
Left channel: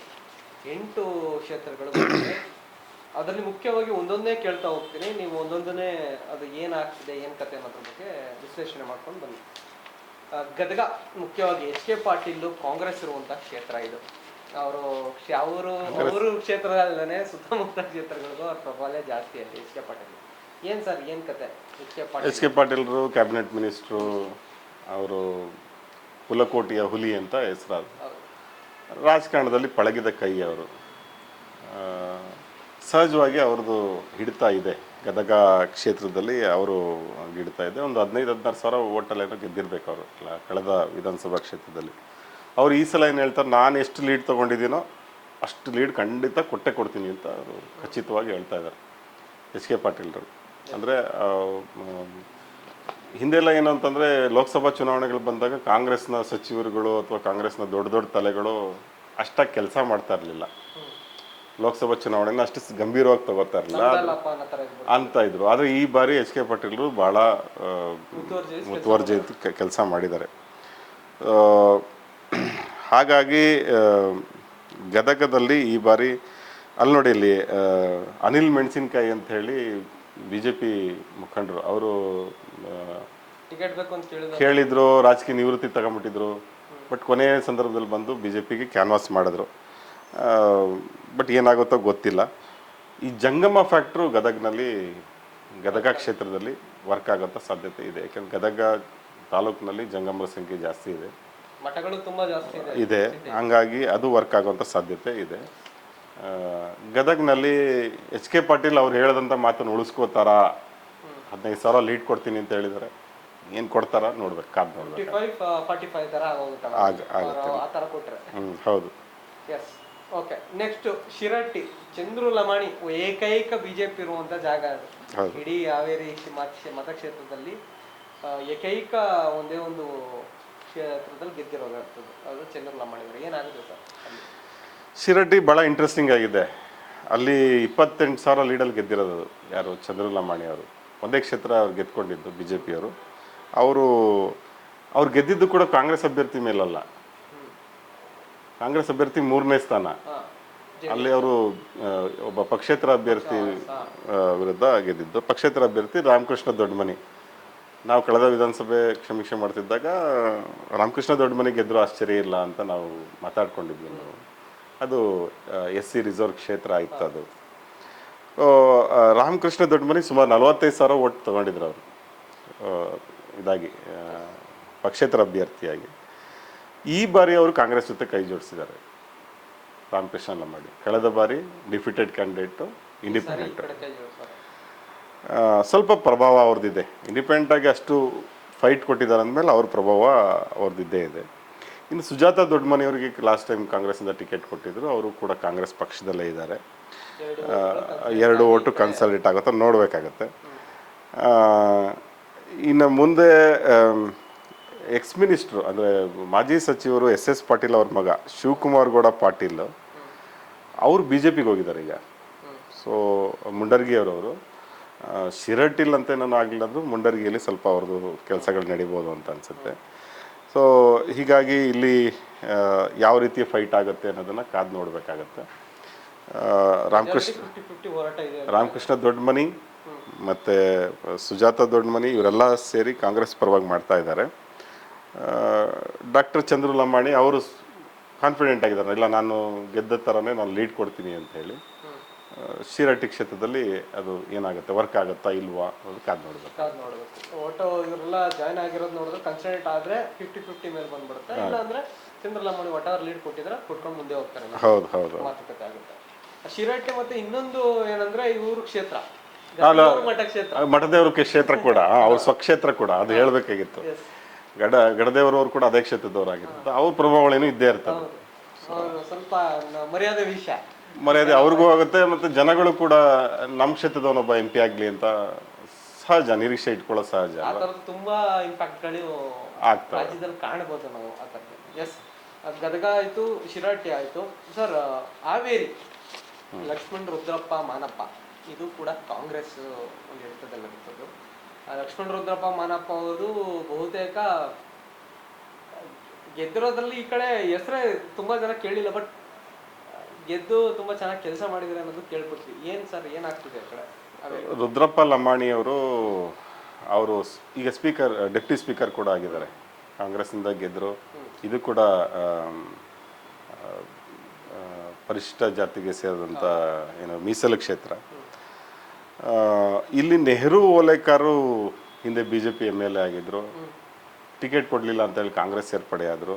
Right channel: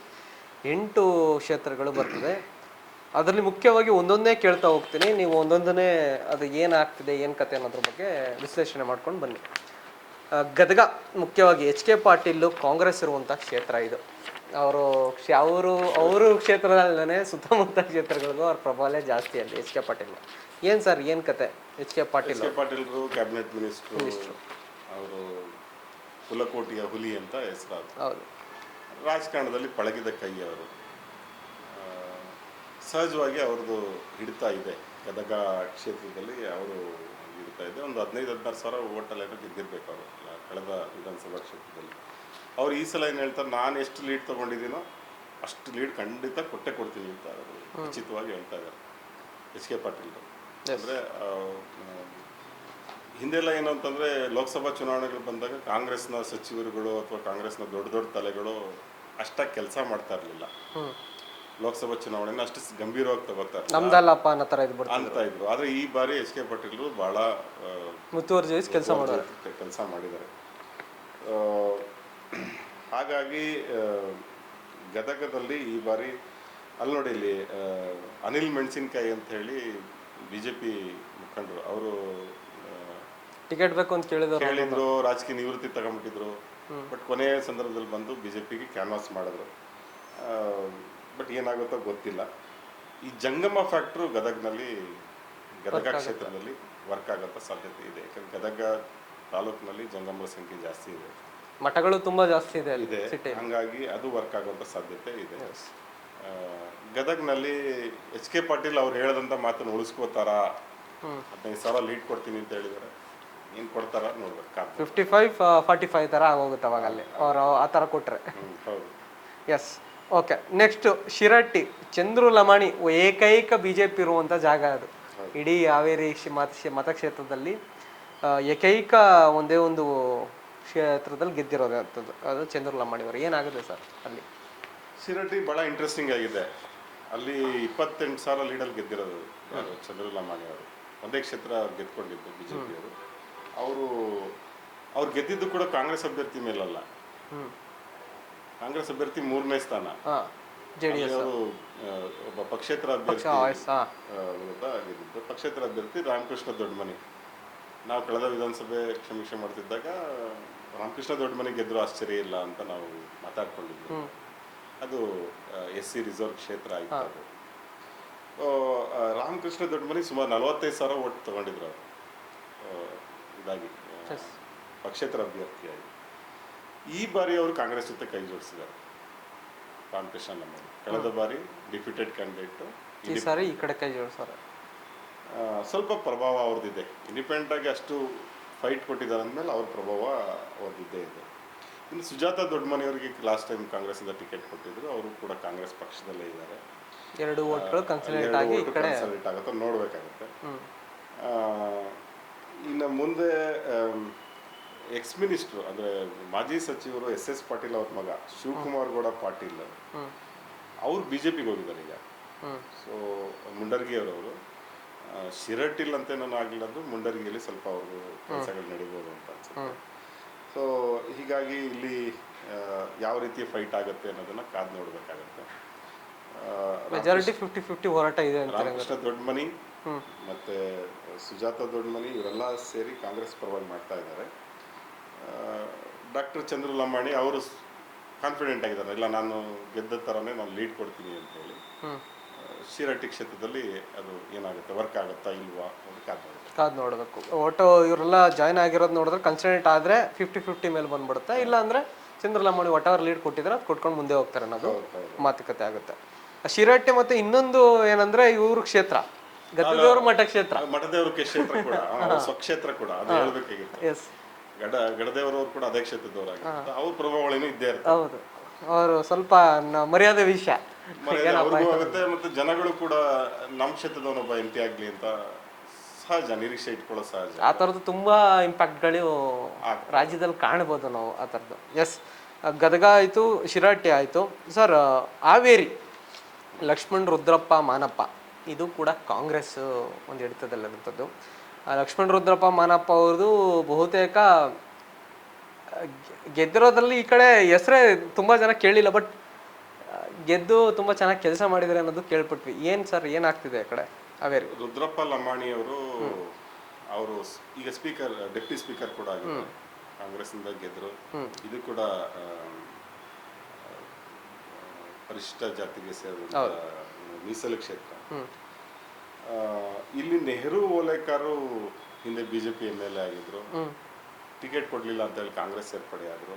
8 ಕ್ಷೇತ್ರಗಳು ಬರ್ತದೆ. ಅದರಲ್ಲಿ ಮುಖ್ಯವಾಗಿ ಒಂದೊಂದೇ ಕೇಳ್ತಾ ಹೋಗ್ತೀನಿ, ನೀವು ಒಂದೊಂದನ್ನೇ ಅದು ಏನಾಗ್ತಿದೆ, ಏನು ಕತೆ ಅನ್ನೋದ್ರ ಬಗ್ಗೆ ವಿಶ್ಲೇಷಣೆ ಮಾಡ್ಕೊಂಡು ಬನ್ನಿ. ಗದಗ ಮುಖ್ಯವಾಗಿ HK ಪಾಟೀಲ್ ಕಾಂಗ್ರೆಸ್ ಇರುವಂಥ ಕ್ಷೇತ್ರ ಇದು. ಅವರು ಕ್ಷೇತ್ರದಲ್ಲೇ ಸುತ್ತಮುತ್ತ ಕ್ಷೇತ್ರಗಳಿಗೂ ಅವ್ರ ಪ್ರಭಾವ ಜಾಸ್ತಿ ಅಲ್ಲಿ. HK ಪಾಟೀಲ್ ಏನು ಸರ್, ಏನು ಕತೆ? HK ಪಾಟೀಲ್ರು ಕ್ಯಾಬಿನೆಟ್ ಮಿನಿಸ್ಟ್ರು, ಅವರು ಕುಲಕೋಟಿಯ ಹುಲಿ ಅಂತ ಹೆಸರಾದ. ಹೌದು, ರಾಜಕಾರಣದಲ್ಲಿ ಪಳಗಿದ ಕೈ ಅವರು. ಸಹಜವಾಗಿ ಅವ್ರದ್ದು ಹಿಡಿತಾ ಇದೆ ಗದಗ ಕ್ಷೇತ್ರದಲ್ಲಿ. ಅವರು ಹಿಡಿತಾ ಇದೆ. ಒಂದು 15-16 ಸಾವಿರ ಓಟಲ್ಲೇನೋ ಗೆದ್ದಿರ್ಬೇಕು ಅವರು ಕಳೆದ ವಿಧಾನಸಭಾ ಕ್ಷೇತ್ರದಲ್ಲಿ. ಅವ್ರು ಈ ಸಲ ಏನು ಹೇಳ್ತಾರೆ, ನಾನು ಎಷ್ಟು ಲೀಡ್ ತೊಗೊಂಡಿದ್ದೀನೋ ಅಷ್ಟು ಲೀಡ್ ಖಂಡಿತ ಕೊಡ್ತೀನಿ ಅಂತ ಅವರು ಖಚಿತವಾಗಿ ಹೇಳ್ತಾ ಇದ್ದಾರೆ HK ಪಾಟೀಲ್ರು. ಅಂದರೆ ಹಿಂದೆಲ್ಲ ಏನು ಅಂತಂದರೆ, ಲೋಕಸಭಾ ಚುನಾವಣೆಗಳು ಬಂದಾಗ ಕಾಂಗ್ರೆಸ್ನ ಸಚಿವರುಗಳು ಅಥವಾ ಕಾಂಗ್ರೆಸ್ನ ದೊಡ್ಡ ತಲೆಗಳು ಅಷ್ಟಾಗಿ ಕೆಲಸ ಮಾಡ್ತಾ ಇರಲಿಲ್ಲ. ಲೋಕಸಭಾ ಚುನಾವಣೆನ ಅಷ್ಟು ಗಂಭೀರವಾಗಿ ತಗೋತಾ ಇರಲಿಲ್ಲ ಅಂತ ಇದ್ರು. ಆದರೆ ಈ ಬಾರಿ HK ಪಾಟೀಲ್ರು ಬಹಳ ಮುತುವರ್ಜಿ ಕೆಲಸ ಮಾಡಿದ್ದಾರೆ. ಹಾಗಾಗಿ ಗದಗದಲ್ಲಿ ಈ ಬಾರಿ ಅಲ್ಲಿ ನೋಡಿ, ಇಲ್ಲಿ ಅನಿಲ್ ಮೆಣಸಿನಕಾಯಿ ಅಂತ ಹೇಳಿ ಬಿಜೆಪಿ ಮುಖಂಡರು, ಅವರು ಟಿಕೆಟ್ ಬೇಕು ಅಂತ ಕೇಳಿದ್ರು, ರಾಜಕೀಯ ನಿವೃತ್ತಿ ತಗೊಂಡ್ಬಿಟ್ಟಿದ್ರು. ಬಟ್ ಕೊನೆಯ ಸಂದರ್ಭದಲ್ಲಿ ಬಂದು ಬಿಜೆಪಿಗೆ ಕ್ಯಾನ್ವಾಸ್ ಮಾಡಿದ್ರು. ಬಟ್ ಏನಾಗುತ್ತೋ ಗೊತ್ತಿಲ್ಲ. ಈ ಜಂಗಮ ಫ್ಯಾಕ್ಟ್ರು ಗದಗ ಕ್ಷೇತ್ರದಲ್ಲಿ ವರ್ಕ್ ಆಗೋಂಥ ಸಾಧ್ಯತೆ ಇದೆ. ಯಾಕಂದ್ರೆ ಗದಗ ತಾಲೂಕಿನಲ್ಲಿ ಜಂಗಮರ ಸಂಖ್ಯೆ ಜಾಸ್ತಿ ಇದೆ, ಮಠಗಳು ತುಂಬಾ ಜಾಸ್ತಿ ಇದೆ. ಹಂಗಾಗಿ ಅದು ವರ್ಕ್ ಆಗುವಂಥ ಸಾಧ್ಯತೆ ಇದೆ. ಗದಗ್ನಲ್ಲಿ ಎಚ್ ಕೆ ಪಾಟೀಲ್ ಅವ್ರು ಹೇಳದಂಥ ಮಾತನ್ನು ಉಳಿಸ್ಕೋತಾರ, 15,000 ಲೀಡ್ ಕೊಡ್ತೀನಿ ಅಂತ ಹೇಳಿದ್ದಾರೆ. ಏನು ಕೊಡ್ತಾರ ನೋಡ್ಬೇಕು, 55-45 ತರ ಆಗೋಗುತ್ತೆ ಅವರು ಆ ತರ ಕೊಟ್ರೆ. ಹೌದು. Yes, okay. Next Shirahatti Chandru Lamani ಏಕೈಕ ಬಿಜೆಪಿ ಇರುವಂತ ಜಾಗ ಅದು. ಇಡೀ ಹಾವೇರಿ ಮತಕ್ಷೇತ್ರದಲ್ಲಿ ಏಕೈಕ ಒಂದೇ ಒಂದು ಕ್ಷೇತ್ರದಲ್ಲಿ ಗೆದ್ದಿರೋದು ಅದು ಚಂದ್ರು ಲಮಾಣಿ ಅವರು. ಏನಾಗುತ್ತೆ ಸರ್ ಅಲ್ಲಿ? ಶಿರಟ್ಟಿ ಭಾಳ ಇಂಟ್ರೆಸ್ಟಿಂಗ್ ಆಗಿದೆ. ಅಲ್ಲಿ 28,000 ಲೀಡಲ್ಲಿ ಗೆದ್ದಿರೋದು ಯಾರು? ಚಂದ್ರು ಲಮಾಣಿ ಅವರು. ಒಂದೇ ಕ್ಷೇತ್ರ ಅವ್ರು ಗೆದ್ಕೊಂಡಿದ್ದು ಬಿಜೆಪಿಯವರು. ಅವ್ರು ಗೆದ್ದಿದ್ದು ಕೂಡ ಕಾಂಗ್ರೆಸ್ ಅಭ್ಯರ್ಥಿ ಮೇಲಲ್ಲ, ಕಾಂಗ್ರೆಸ್ ಅಭ್ಯರ್ಥಿ 3ನೇ ಸ್ಥಾನ. ಅಲ್ಲಿ ಅವರು ಒಬ್ಬ ಪಕ್ಷೇತರ ಅಭ್ಯರ್ಥಿ ವಿರುದ್ಧ ಗೆದ್ದಿದ್ದು. ಪಕ್ಷೇತರ ಅಭ್ಯರ್ಥಿ ರಾಮಕೃಷ್ಣ ದೊಡ್ಡಮನಿ. ನಾವು ಕಳೆದ ವಿಧಾನಸಭೆ ಸಮೀಕ್ಷೆ ಮಾಡ್ತಿದ್ದಾಗ ರಾಮಕೃಷ್ಣ ದೊಡ್ಡಮನಿ ಗೆದ್ದರೂ ಆಶ್ಚರ್ಯ ಇಲ್ಲ ಅಂತ ನಾವು ಮಾತಾಡ್ಕೊಂಡಿದ್ವಿ. ಅದು SC ರಿಸರ್ವ್ ಕ್ಷೇತ್ರ ಆಯಿತು. ಅದು ರಾಮಕೃಷ್ಣ ದೊಡ್ಡಮನಿ ಸುಮಾರು 45,000 ಓಟ್ ತಗೊಂಡಿದ್ರು ಅವರು ಇದಾಗಿ ಪಕ್ಷೇತರ ಅಭ್ಯರ್ಥಿಯಾಗಿ. ಈ ಬಾರಿ ಅವರು ಕಾಂಗ್ರೆಸ್ ಜೊತೆ ಕೈ ಜೋಡಿಸಿದ್ದಾರೆ. ರಾಮಕೃಷ್ಣ ಲಮಾಣಿ ಕಳೆದ ಬಾರಿ ಡಿಫಿಟೆಡ್ ಕ್ಯಾಂಡಿಡೇಟ್, ಸ್ವಲ್ಪ ಪ್ರಭಾವ ಅವ್ರದ್ದಿದೆ. ಇಂಡಿಪೆಂಡೆಂಟ್ ಆಗಿ ಅಷ್ಟು ಫೈಟ್ ಕೊಟ್ಟಿದ್ದಾರೆ ಅಂದಮೇಲೆ ಅವ್ರ ಪ್ರಭಾವ ಅವ್ರದ್ದಿದ್ದೇ ಇದೆ. ಇನ್ನು ಸುಜಾತ ದೊಡ್ಡಮನಿ ಅವರಿಗೆ ಲಾಸ್ಟ್ ಟೈಮ್ ಕಾಂಗ್ರೆಸ್ಸಿಂದ ಟಿಕೆಟ್ ಕೊಟ್ಟಿದ್ರು, ಅವರು ಕೂಡ ಕಾಂಗ್ರೆಸ್ ಪಕ್ಷದಲ್ಲೇ ಇದ್ದಾರೆ. 2 ಓಟು ಕನ್ಸಾಲಿಡೇಟ್ ಆಗುತ್ತೋ ನೋಡಬೇಕಾಗತ್ತೆ. ಇನ್ನು ಮುಂದೆ ಎಕ್ಸ್ ಮಿನಿಸ್ಟ್ರು ಅಂದರೆ ಮಾಜಿ ಸಚಿವರು SS ಪಾಟೀಲ್ ಅವ್ರ ಮಗ ಶಿವಕುಮಾರ್ ಗೌಡ ಪಾಟೀಲ್ ಅವರು BJPಗೆ ಹೋಗಿದ್ದಾರೆ ಈಗ. ಸೊ ಮುಂಡರ್ಗಿಯವರು ಶಿರಟ್ಟಿಲ್ ಅಂತ ಏನೋ ಆಗಲಿಲ್ಲದ್ರು ಮುಂಡರ್ಗಿಯಲ್ಲಿ ಸ್ವಲ್ಪ ಅವ್ರದ್ದು ಕೆಲಸಗಳು ನಡಿಬೋದು ಅಂತ ಅನ್ಸುತ್ತೆ. ಸೊ ಹೀಗಾಗಿ ಇಲ್ಲಿ ಯಾವ ರೀತಿಯ ಫೈಟ್ ಆಗುತ್ತೆ ಅನ್ನೋದನ್ನ ಕಾದು ನೋಡಬೇಕಾಗತ್ತೆ. ರಾಮಕೃಷ್ಣ ದೊಡ್ಡಮನಿ ಮತ್ತು ಸುಜಾತ ದೊಡ್ಡಮನಿ ಇವರೆಲ್ಲ ಸೇರಿ ಕಾಂಗ್ರೆಸ್ ಪರವಾಗಿ ಮಾಡ್ತಾ ಇದ್ದಾರೆ. ಡಾಕ್ಟರ್ ಚಂದ್ರು ಲಮಾಣಿ ಅವರು ಕಾನ್ಫಿಡೆಂಟ್ ಆಗಿದ್ದಾರೆ, ಇಲ್ಲ ನಾನು ಗೆದ್ದ ಥರನೇ ನಾನು ಲೀಡ್ ಕೊಡ್ತೀನಿ ಅಂತ ಹೇಳಿ. ಶಿರಟ್ಟಿ ಕ್ಷೇತ್ರದಲ್ಲಿ ಅದು ಏನಾಗುತ್ತೆ, ವರ್ಕ್ ಆಗುತ್ತಾ ಇಲ್ವಾ ಅದು ಕಾದು ನೋಡಬೇಕು. ಒಟ್ಟು ಇವರೆಲ್ಲ ಜಾಯ್ನ್ ಆಗಿರೋದು ನೋಡಿದ್ರೆ ಕನ್ಸಿಡೆಂಟ್ ಆದರೆ 50-50 ಮೇಲೆ ಬಂದ್ಬಿಡುತ್ತೆ. ಇಲ್ಲ ಅಂದ್ರೆ ಚಂದ್ರು ಲಮಾಣಿ ಒಟ್ಟಾರೆ ಲೀಡ್ ಕೊಟ್ಟಿದ್ರೆ ಕೊಟ್ಕೊಂಡು ಮುಂದೆ ಹೋಗ್ತಾರೆ. ಹೌದು, ಮಾತುಕತೆ ಆಗುತ್ತೆ. ಶಿರಟ್ಟಿ ಮತ್ತೆ ಇನ್ನೊಂದು ಏನಂದ್ರೆ ಇವ್ರ ಕ್ಷೇತ್ರ ಮಠದೇವ್ರ ಕ್ಷೇತ್ರ ಕೂಡ ಅವ್ರ ಸ್ವಕ್ಷೇತ್ರ ಕೂಡ ಅದು ಹೇಳ್ಬೇಕಾಗಿತ್ತು. ಗಡದೇವರವ್ರು ಕೂಡ ಅದೇ ಕ್ಷೇತ್ರದವರಾಗಿರುತ್ತೆ. ಅವ್ರ ಪ್ರಭಾವಗಳೇನು ಇದ್ದೇ ಇರ್ತವೆ. ಅವರು ಸ್ವಲ್ಪ ಮರ್ಯಾದೆ ಅವ್ರಿಗೂ ಆಗುತ್ತೆ. ಮತ್ತೆ ಜನಗಳು ಕೂಡ ನಮ್ಮ ಕ್ಷೇತ್ರದವನೊಬ್ಬ MP ಆಗ್ಲಿ ಅಂತ ಸಹಜ ನಿರೀಕ್ಷೆ ಇಟ್ಕೊಳ್ಳೋ ಸಹಜ. ಆ ಥರದ್ದು ತುಂಬಾ ಇಂಪ್ಯಾಕ್ಟ್ಗಳು ರಾಜ್ಯದಲ್ಲಿ ಕಾಣಬಹುದು ನಾವು ಆ ಥರದ್ದು. ಎಸ್, ಗದಗ ಆಯ್ತು, ಶಿರಟ್ಟಿ ಆಯ್ತು. ಸರ್, ಹಾವೇರಿ ಲಕ್ಷ್ಮಣ್ ರುದ್ರಪ್ಪ ಮಾನಪ್ಪ ಇದು ಕೂಡ ಕಾಂಗ್ರೆಸ್ ಒಂದು ಹಿಡಿತದಲ್ಲಿರುತ್ತದ್ದು. ಲಕ್ಷ್ಮಣ್ ರುದ್ರಪ್ಪ ಮಾನಪ್ಪ ಅವ್ರದ್ದು ಬಹುತೇಕ ಗೆದ್ದಿರೋದ್ರಲ್ಲಿ ಈ ಕಡೆ ಹೆಸರೇ ತುಂಬಾ ಜನ ಕೇಳಿಲ್ಲ, ಬಟ್ ಗೆದ್ದು ತುಂಬಾ ಚೆನ್ನಾಗಿ ಕೆಲಸ ಮಾಡಿದ್ದಾರೆ ಅನ್ನೋದು ಕೇಳ್ಪಟ್ವಿ. ಏನ್ ಸರ್ ಏನಾಗ್ತಿದೆ ಆ ಕಡೆ ಹಾವೇರಿ? ರುದ್ರಪ್ಪ ಲಮಾಣಿ ಅವರು ಈಗ ಡೆಪ್ಟಿ ಸ್ಪೀಕರ್ ಕೂಡ ಆಗಿದ್ದಾರೆ. ಕಾಂಗ್ರೆಸ್ನಿಂದ ಗೆದ್ರು. ಇದು ಕೂಡ ಪರಿಶಿಷ್ಟ ಜಾತಿಗೆ ಸೇರಿದಂತ ಮೀಸಲು ಕ್ಷೇತ್ರ. ಇಲ್ಲಿ ನೆಹರು ಓಲೇಕರ್ ಹಿಂದೆ BJP MLA ಆಗಿದ್ರು, ಟಿಕೆಟ್ ಕೊಡ್ಲಿಲ್ಲ ಅಂತ ಹೇಳಿ ಕಾಂಗ್ರೆಸ್ ಸೇರ್ಪಡೆ ಆದ್ರು.